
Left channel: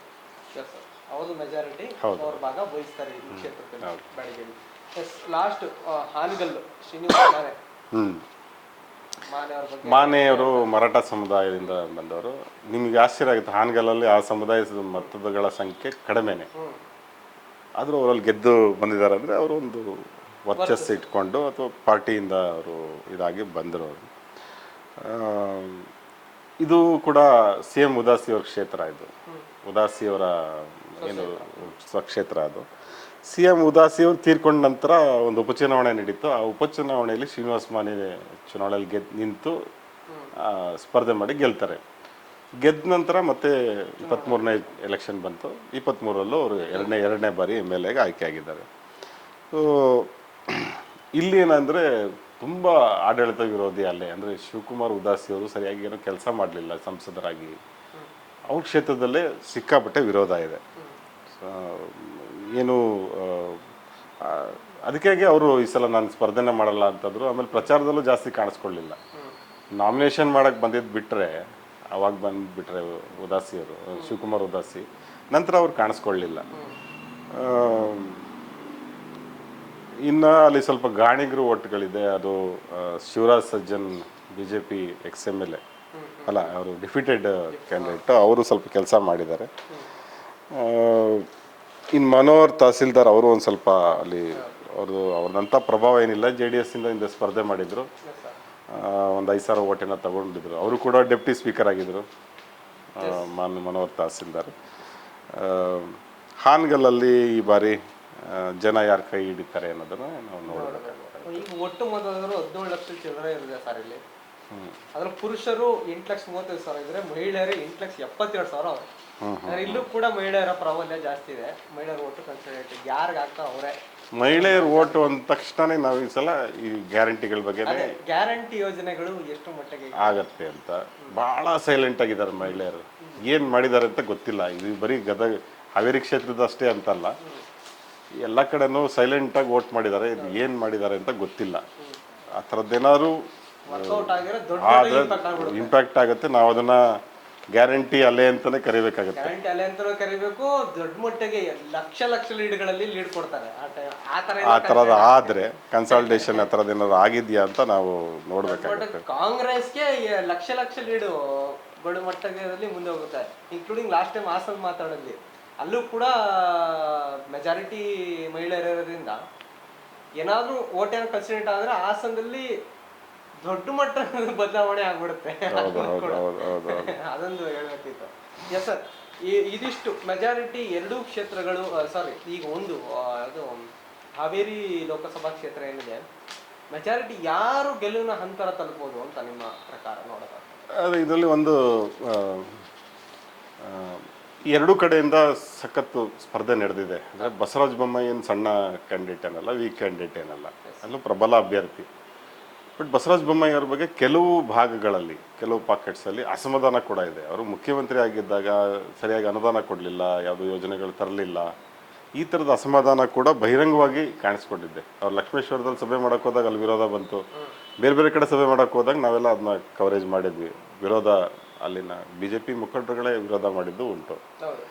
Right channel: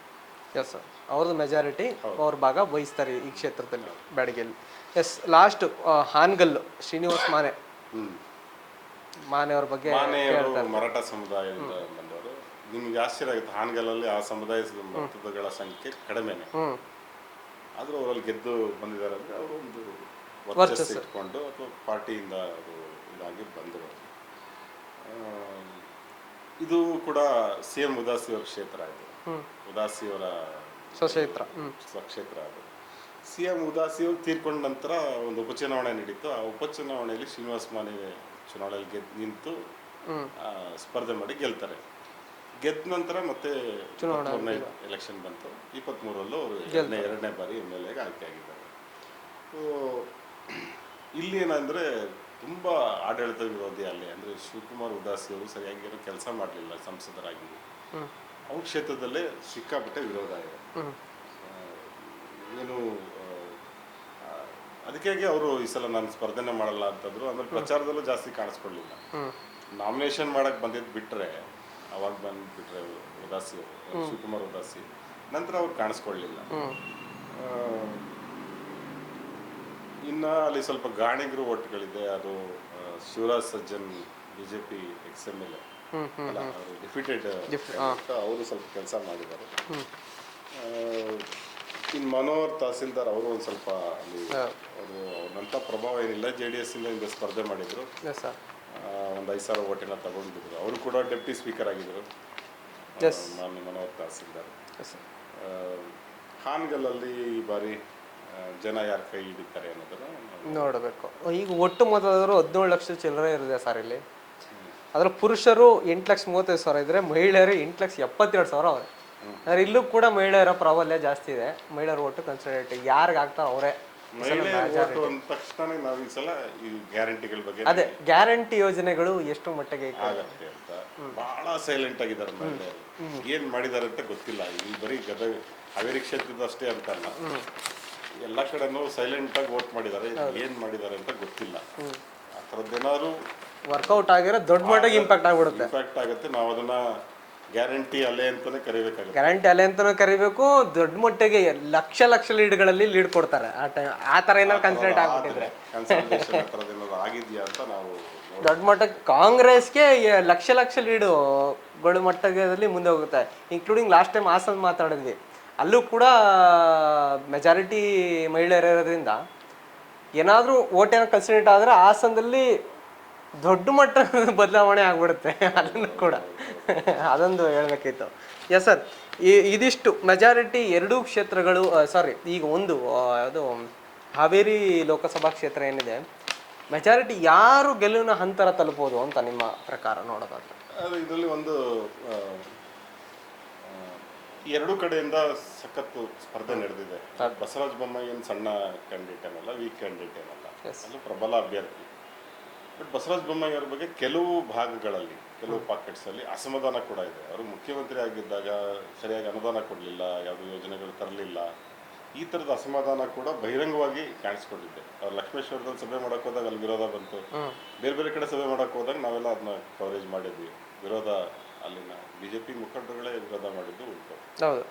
ಎಸ್ ಸರ್, ಅವ್ರದ್ದು ಮೆಜಾರಿಟಿ, ಅವ್ರ ಭಾಗ ವಹಿಸ್ತಾರೆ ಈ ಕ್ಷೇತ್ರದಲ್ಲಿ ಬ್ಯಾಡಗಿಯಲ್ಲಿ. ಎಸ್, ಲಾಸ್ಟ್ ಹಾನಗಲ್ ಶ್ರೀನಿವಾಸ್ ಮಾನೆಯವ್ರ ಬಗ್ಗೆ. ಮಾನೆಯವರು ಮರಾಠ ಸಮುದಾಯದಿಂದ ಬಂದವರು. ನಿಮ್ಗೆ ಆಶ್ಚರ್ಯ ಆಗುತ್ತೆ, ಹಾನಗಲ್ಲಲ್ಲಿ ಆ ಸಮುದಾಯದ ಮತಗಳ ಸಂಖ್ಯೆ ಕಡಿಮೆನೆ, ಆದ್ರೂ ಅವರಲ್ಲಿ ಗೆದ್ದು ಬಂದಿದ್ದಾರೆ. ಅಂದ್ರೆ ಅವರು ಒಂದು ವರ್ಚಸ್ಸು ಇಟ್ಕೊಂಡು ಅಥವಾ ಪಾರ್ಟಿಯಿಂದ ಅವರು ಇದಾಗಿ ಬಂದರು. ಇದು ಕೂಡ CM ಉದಾಸಿ ಅವ್ರ ಕ್ಷೇತ್ರ. ಇದು ಉದಾಸಿ ಅವರ ಸ್ವಕ್ಷೇತ್ರ. ಅದು CM ಉದಾಸಿ ಅವರು ತೀರ್ಕೊಂಡ ನಂತರ ಒಂದು ಉಪಚುನಾವಣೆ ನಡೀತು. ಆ ಉಪಚುನಾವಣೆಯಲ್ಲಿ ಶ್ರೀನಿವಾಸ್ ಮಾನೆ ಚುನಾವಣೆಯಲ್ಲಿ ನಿಂತು ಸ್ಪರ್ಧೆ ಮಾಡಿ ಗೆಲ್ತಾರೆ. ಗೆದ್ದ ನಂತರ ಮತ್ತೆ 23ನೇ ಎಲೆಕ್ಷನ್ ಬಂತು. 23ರಲ್ಲೂ ಅವರು ಎರಡನೇ ಬಾರಿ MLA ಆಯ್ಕೆ ಆಗಿದ್ದಾರೆ. ಸೊ ಇಲ್ಲಿ ಏನಂದ್ರೆ ತುಂಬ ಆಡಳಿತ ವಿರೋಧಿ ಅಲ್ಲೇ, ಅಂದರೆ ಶಿವಕುಮಾರ್ ಉದಾಸಿ ಅವರು ಸರಿಯಾಗಿ ಏನೋ ಕೆಲಸ ಮಾಡಲಿಲ್ಲ ಸಂಸದರಾಗಿ. ಅವ್ರ ಕ್ಷೇತ್ರದಲ್ಲೇ ಸಿಕ್ಕಾಪಟ್ಟೆ ವಿರೋಧ ಇದೆ. ಏನು ಅದಕ್ಕಾಗಿ ಅವರು ಈ ಸಲ ನಾನು ಸ್ಪರ್ಧೆನೇ ಮಾಡಲ್ಲ ಅಂತಂದ್ರು. ಆಮೇಲೆ ಪ್ರಚಾರದಲ್ಲೂ ಜಾಸ್ತಿ ಕಾಣಿಸ್ಕೊಳ್ಳಿಲ್ಲ. ನಾಮಿನೇಷನ್ ಮಾಡಕ್ಕೆ ಬಂದಿದ್ದು ಬಿಟ್ಟರೆ, ಅವಾಗ ಬಂದುಬಿಟ್ರೆ ಉದಾಸಿ ಅವರು, ಶಿವಕುಮಾರ್ ಉದಾಸಿ, ನಂತರ ಅವ್ರು ಕಾಣಿಸ್ಕೊಳ್ಳಿಲ್ಲ. ಇನ್ನು ಅಲ್ಲಿ ಸ್ವಲ್ಪ ಗಾಣಿಗರು ಓಟ್ಗಳಿದೆ. ಅದು ಶಿವರಾಜ್ ಸಜ್ಜನ್ BJP ex-MLA ಅಲ್ಲ, ಅವರು ಡಿಫಿಟೆಡ್ ಕ್ಯಾಂಡಿಡೇಟ್, ಅವರು ಸ್ವಲ್ಪ ಕೆಲಸ ಮಾಡಿದ್ದಾರೆ. ಇನ್ನು ಮನೋಹರ್ ತಹಸೀಲ್ದಾರ್ ಅವರು ಒಂದು ಸ್ವಲ್ಪ ಅಲ್ಲಿ ಅವ್ರದಂಥ ಪ್ರಭಾವ ಏನಿಲ್ಲ. JDS ಇಂದ ಹಿಂದೆ ಸ್ಪರ್ಧೆ ಮಾಡಿದ್ರು, ಒಂದು 5,000 ಓಟನ್ನ ತಗೊಂಡಿದ್ರು. ಅವರು ಕೂಡ ಡೆಪ್ಟಿ ಸ್ಪೀಕರ್ ಆಗಿದ್ರು, ಮನೋಹರ್ ತಹಸೀಲ್ದಾರ್. ಹಾನಗಲ್ಲಲ್ಲಿ ಈ ಬಾರಿ ಜನ ಯಾರು ಕೈ ಹಿಡಿತಾರೆ ಅನ್ನೋದನ್ನ ನಾವು ನೋಡಬೇಕು. ಈಗ ಒಟ್ಟು ಮತದಾರರು 17 ಲಕ್ಷ ಚಿಲ್ಲರೆ ಇದೆ ಸರ್ ಇಲ್ಲಿ. ಅದ್ರ ಪುರುಷರು 8,35,000 ಇದ್ರೆ, ಮಹಿಳೆಯರು 8,72,000 ಅವ್ರೆ. ಅಂದ್ರೆ ಇಲ್ಲೂ ಕೂಡ ಮಹಿಳೆಯರ ಪ್ರಾಬಲ್ಯ ಜಾಸ್ತಿ ಇದೆ. ಮಹಿಳೆಯರ ಓಟು ಕನ್ಸಿಡರೇಟ್ ಯಾರಿಗೆ ಆಗ್ತಾ ಅವರೇ. ಮಹಿಳೆಯರ ಓಟು ಅಂದ ತಕ್ಷಣ ನಾವು ಈ ಸಲ ಈ ಗ್ಯಾರಂಟಿಗಳ ಬಗ್ಗೆ, ಅದೇ ಗ್ಯಾರಂಟಿ ಯೋಜನೆಗಳು ಎಷ್ಟು ಮಟ್ಟಿಗೆ ಆಗತ್ತೆ ಅಂತ ಬಹಳ ಸೈಲೆಂಟ್ ಆಗಿದ್ದಾರೆ ಮಹಿಳೆಯರು. ಏನ್ ಮಾಡಿದ್ದಾರೆ ಅಂತ ಗೊತ್ತಿಲ್ಲ. ಈ ಬರೀ ಗದಗ ಹಾವೇರಿ ಕ್ಷೇತ್ರದ ಅಷ್ಟೇ ಅಂತಲ್ಲ, ಎಲ್ಲ ಕಡೆನೂ ಸೈಲೆಂಟ್ ಆಗಿ ವೋಟ್ ಮಾಡಿದ್ದಾರೆ. ಏನ್ ಮಾಡಿದ್ದಾರೆ ಅಂತ ಗೊತ್ತಿಲ್ಲ. ಆ ಥರದ್ದೇನಾದ್ರು ವರ್ಕೌಟ್ ಆಗಿರೋ ದೊಡ್ಡ ಮಟ್ಟಿಗೆ ಇಂಪ್ಯಾಕ್ಟ್ ಆಗುತ್ತೆ. ನಾವು ಅದನ್ನ ಗ್ಯಾರಂಟಿ ಅಲೆ ಅಂತಾನೆ ಕರಿಬೇಕಾಗುತ್ತೆ. ಗ್ಯಾರಂಟಿ ಅಲೆ ಅಂತಾನೆ ಕರಿಬೇಕು. ದೊಡ್ಡ ಮಟ್ಟಿಗೆ ಲಕ್ಷ ಲೀಡ್ಗಳಲ್ಲಿ ಲೀಡ್ ಕೊಡ್ತಾರೆ. ಆ ತರ ಆದ್ರೆ ಕನ್ಸಲ್ಟೇಷನ್ ಆ ಥರದ್ದು ಏನಾದ್ರು ಆಗಿದ್ಯಾ ಅಂತ ನಾವು ನೋಡೋದು. ದೊಡ್ಡ ಮಟ್ಟಕ್ಕೆ ಕಾಂಗ್ರೆಸ್ಗೆ ಲಕ್ಷ ಲೀಡುಗಳು ಮಟ್ಟದಲ್ಲಿ ಮುಂದೆ ಹೋಗುತ್ತೆ. ಇನ್ಕ್ಲೂಡಿಂಗ್ ಲಾಸ್ಟ್ ಟೈಮ್ ಹಾಸನ ಮಾತಾಡಿದ್ವಿ, ಅಲ್ಲೂ ಕೂಡ ಮೆಜಾರಿಟಿ ಮಹಿಳೆಯರು ಇರೋದ್ರಿಂದ ಏನಾದರೂ ಓಟ್ ಏನೋ ಕನ್ಸಿಡರೇಟ್ ಆದರೆ ಹಾಸನದಲ್ಲಿ ದೊಡ್ಡ ಮಟ್ಟದ ಬದಲಾವಣೆ ಆಗ್ಬಿಡುತ್ತೆ. ಕೂಡ ಅದೊಂದು ಹೇಳ್ಬೇಕಿತ್ತು. ಎಸ್ ಸರ್, ಇದಿಷ್ಟು ಮೆಜಾರಿಟಿ ಎರಡೂ ಕ್ಷೇತ್ರಗಳು. ಸಾರಿ, ಈಗ ಒಂದು ಅದು ಹಾವೇರಿ ಲೋಕಸಭಾ ಕ್ಷೇತ್ರ ಏನಿದೆ, ಮೆಜಾರಿಟಿ ಯಾರು ಗೆಲುವಿನ ಹಂತರ ತಲುಪೋದು ಅಂತ ನಿಮ್ಮ ಪ್ರಕಾರ ನೋಡೋದಾದ್ರೆ? ಅದು ಇದರಲ್ಲಿ ಒಂದು ಎರಡೂ ಕಡೆಯಿಂದ ಸಖತ್ತು ಸ್ಪರ್ಧೆ ನಡೆದಿದೆ. ಬಸವರಾಜ ಬೊಮ್ಮಾಯಿ ಏನು ಸಣ್ಣ ಕ್ಯಾಂಡಿಡೇಟ್ ಏನಲ್ಲ, ವೀಕ್ ಕ್ಯಾಂಡಿಡೇಟ್ ಏನಲ್ಲ, ಅಲ್ಲೂ ಪ್ರಬಲ ಅಭ್ಯರ್ಥಿ. ಬಟ್ ಬಸವರಾಜ ಬೊಮ್ಮಾಯಿ ಅವ್ರ ಬಗ್ಗೆ ಕೆಲವು ಭಾಗಗಳಲ್ಲಿ, ಕೆಲವು ಪಾಕೆಟ್ಸಲ್ಲಿ ಅಸಮಾಧಾನ ಕೂಡ ಇದೆ. ಅವರು ಮುಖ್ಯಮಂತ್ರಿ ಆಗಿದ್ದಾಗ ಸರಿಯಾಗಿ ಅನುದಾನ ಕೊಡಲಿಲ್ಲ, ಯಾವುದೋ ಯೋಜನೆಗಳು ತರಲಿಲ್ಲ, ಈ ಥರದ ಅಸಮಾಧಾನ ಕೂಡ ಬಹಿರಂಗವಾಗಿ ಕಾಣಿಸ್ಕೊಂಡಿದ್ದೆ. ಅವ್ರು ಲಕ್ಷ್ಮೇಶ್ವರದಲ್ಲಿ ಸಭೆ ಮಾಡೋಕೆ ಹೋದಾಗ ಅಲ್ಲಿ ವಿರೋಧ ಬಂತು. ಬೇರೆ ಬೇರೆ ಕಡೆ ಸಭೆ ಮಾಡೋಕೆ ಹೋದಾಗ ನಾವೆಲ್ಲ ಅದನ್ನ ಕವರೇಜ್ ಮಾಡಿದ್ವಿ. ವಿರೋಧ ಅಲ್ಲಿನ BJP ಮುಖಂಡರುಗಳೇ ವಿರೋಧ ಮಾಡಿದ್ದು ಉಂಟು. ಹೌದು.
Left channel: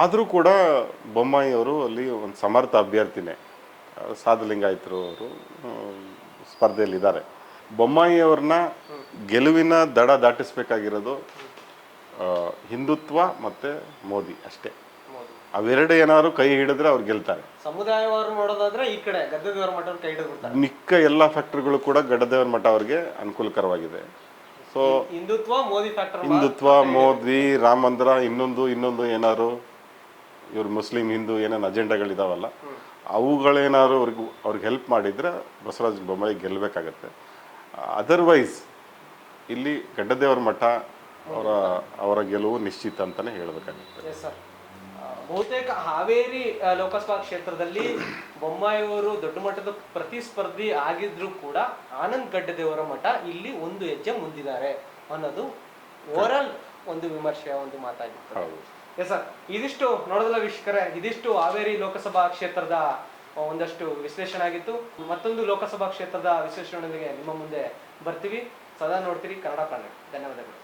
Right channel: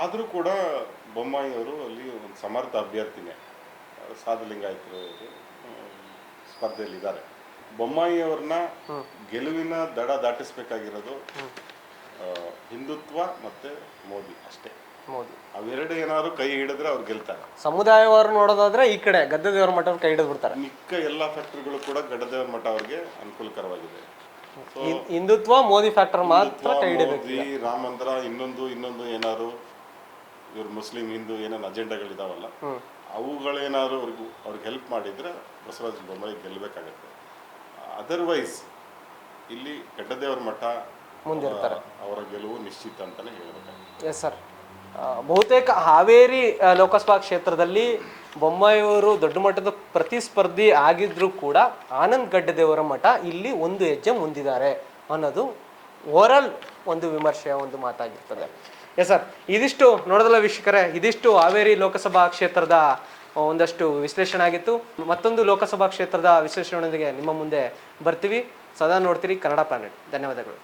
ಆದರೂ ಕೂಡ ಬೊಮ್ಮಾಯಿ ಅವರು ಅಲ್ಲಿ ಒಂದು ಸಮರ್ಥ ಅಭ್ಯರ್ಥಿನೇ. ಸಾಧುಲಿಂಗಾಯತರು ಅವರು ಸ್ಪರ್ಧೆಯಲ್ಲಿದ್ದಾರೆ. ಬೊಮ್ಮಾಯಿ ಅವ್ರನ್ನ ಗೆಲುವಿನ ದಡ ದಾಟಿಸ್ಬೇಕಾಗಿರೋದು ಹಿಂದುತ್ವ ಮತ್ತೆ ಮೋದಿ ಅಷ್ಟೇ. ಅವೆರಡು ಏನಾದ್ರು ಕೈ ಹಿಡಿದ್ರೆ ಅವ್ರು ಗೆಲ್ತಾರೆ. ಸಮುದಾಯವಾರು ನೋಡೋದಾದ್ರೆ ಈ ಕಡೆ ಗದ್ದೆದೇವರ ಮಠ ಕೈ ಹಿಡಿದು ಬಿಡ್ತಾರೆ. ಮಿಕ್ಕ ಎಲ್ಲ ಫ್ಯಾಕ್ಟರ್ಗಳು ಕೂಡ ಗಡ್ಡದೇವರ ಮಠ ಅವ್ರಿಗೆ ಅನುಕೂಲಕರವಾಗಿದೆ. ಸೊ ಹಿಂದುತ್ವ ಮೋದಿ ಫ್ಯಾಕ್ಟರ್, ಹಿಂದುತ್ವ ಮೋದಿ ರಾಮ ಮಂದಿರ ಇನ್ನೊಂದು ಏನಾದ್ರು ಇವ್ರು ಮುಸ್ಲಿಂ ಹಿಂದೂ ಏನೇನು ಅಜೆಂಡಾಗಳಿದಾವಲ್ಲ ಅವುಗಳೇನಾದ್ರು ಅವ್ರಿಗೆ ಹೆಲ್ಪ್ ಮಾಡಿದ್ರೆ ಬಸವರಾಜ ಬೊಮ್ಮಾಯಿ ಗೆಲ್ಲಬೇಕಾಗತ್ತೆ. ಅದರ್ವೈಸ್ ಇಲ್ಲಿ ಗಡ್ಡದೇವರ ಮಠ ಅವರ ಗೆಲುವು ನಿಶ್ಚಿತ ಅಂತಾನೆ ಹೇಳ್ಬೇಕಾಗುತ್ತೆ. Yes sir. ಬಹುತೇಕ ಹಾವೇರಿ ಲೋಕಸಭಾ ಕ್ಷೇತ್ರದಲ್ಲಿ ಬೊಮ್ಮಾಯಿಯವರು ದೊಡ್ಡ ಮಟ್ಟದ ಪ್ರತಿಸ್ಪರ್ಧಿ ಆಗಿದ್ರು ಕೂಡ ಆನಂದ್ ಗಡ್ಡದೇವರ ಮಠ ಇಲ್ಲಿ ಒಂದು ಹೆಜ್ಜೆ ಮುಂದಿದ್ದಾರೆ ಅನ್ನೋದು ಓವರಾಲ್ ಒಂದು ವಿಮರ್ಶೆಯ ಒಂದು ಮಾತಾಗಿರ್ತದೆ. ಎಸ್ ಸರ್, ಇದಿಷ್ಟು ನೋಡೋದಲ್ಲ ವೀಕ್ಷಕರೇ, ಇದಿಷ್ಟು ಹಾವೇರಿ ಲೋಕಸಭಾ ಕ್ಷೇತ್ರದ ಒಂದಷ್ಟು ವಿಶ್ಲೇಷಣೆ ಆಗಿತ್ತು. ಮತ್ತೊಂದು ಲೋಕಸಭಾ ಕ್ಷೇತ್ರದ ವಿಶ್ಲೇಷಣೆಯೊಂದಿಗೆ ನಿಮ್ಮ ಮುಂದೆ ಬರ್ತೀವಿ. ಸದಾ ನೋಡ್ತೀರಿ ಕನ್ನಡ ಪ್ಲಾನೆಟ್. ಧನ್ಯವಾದಗಳು.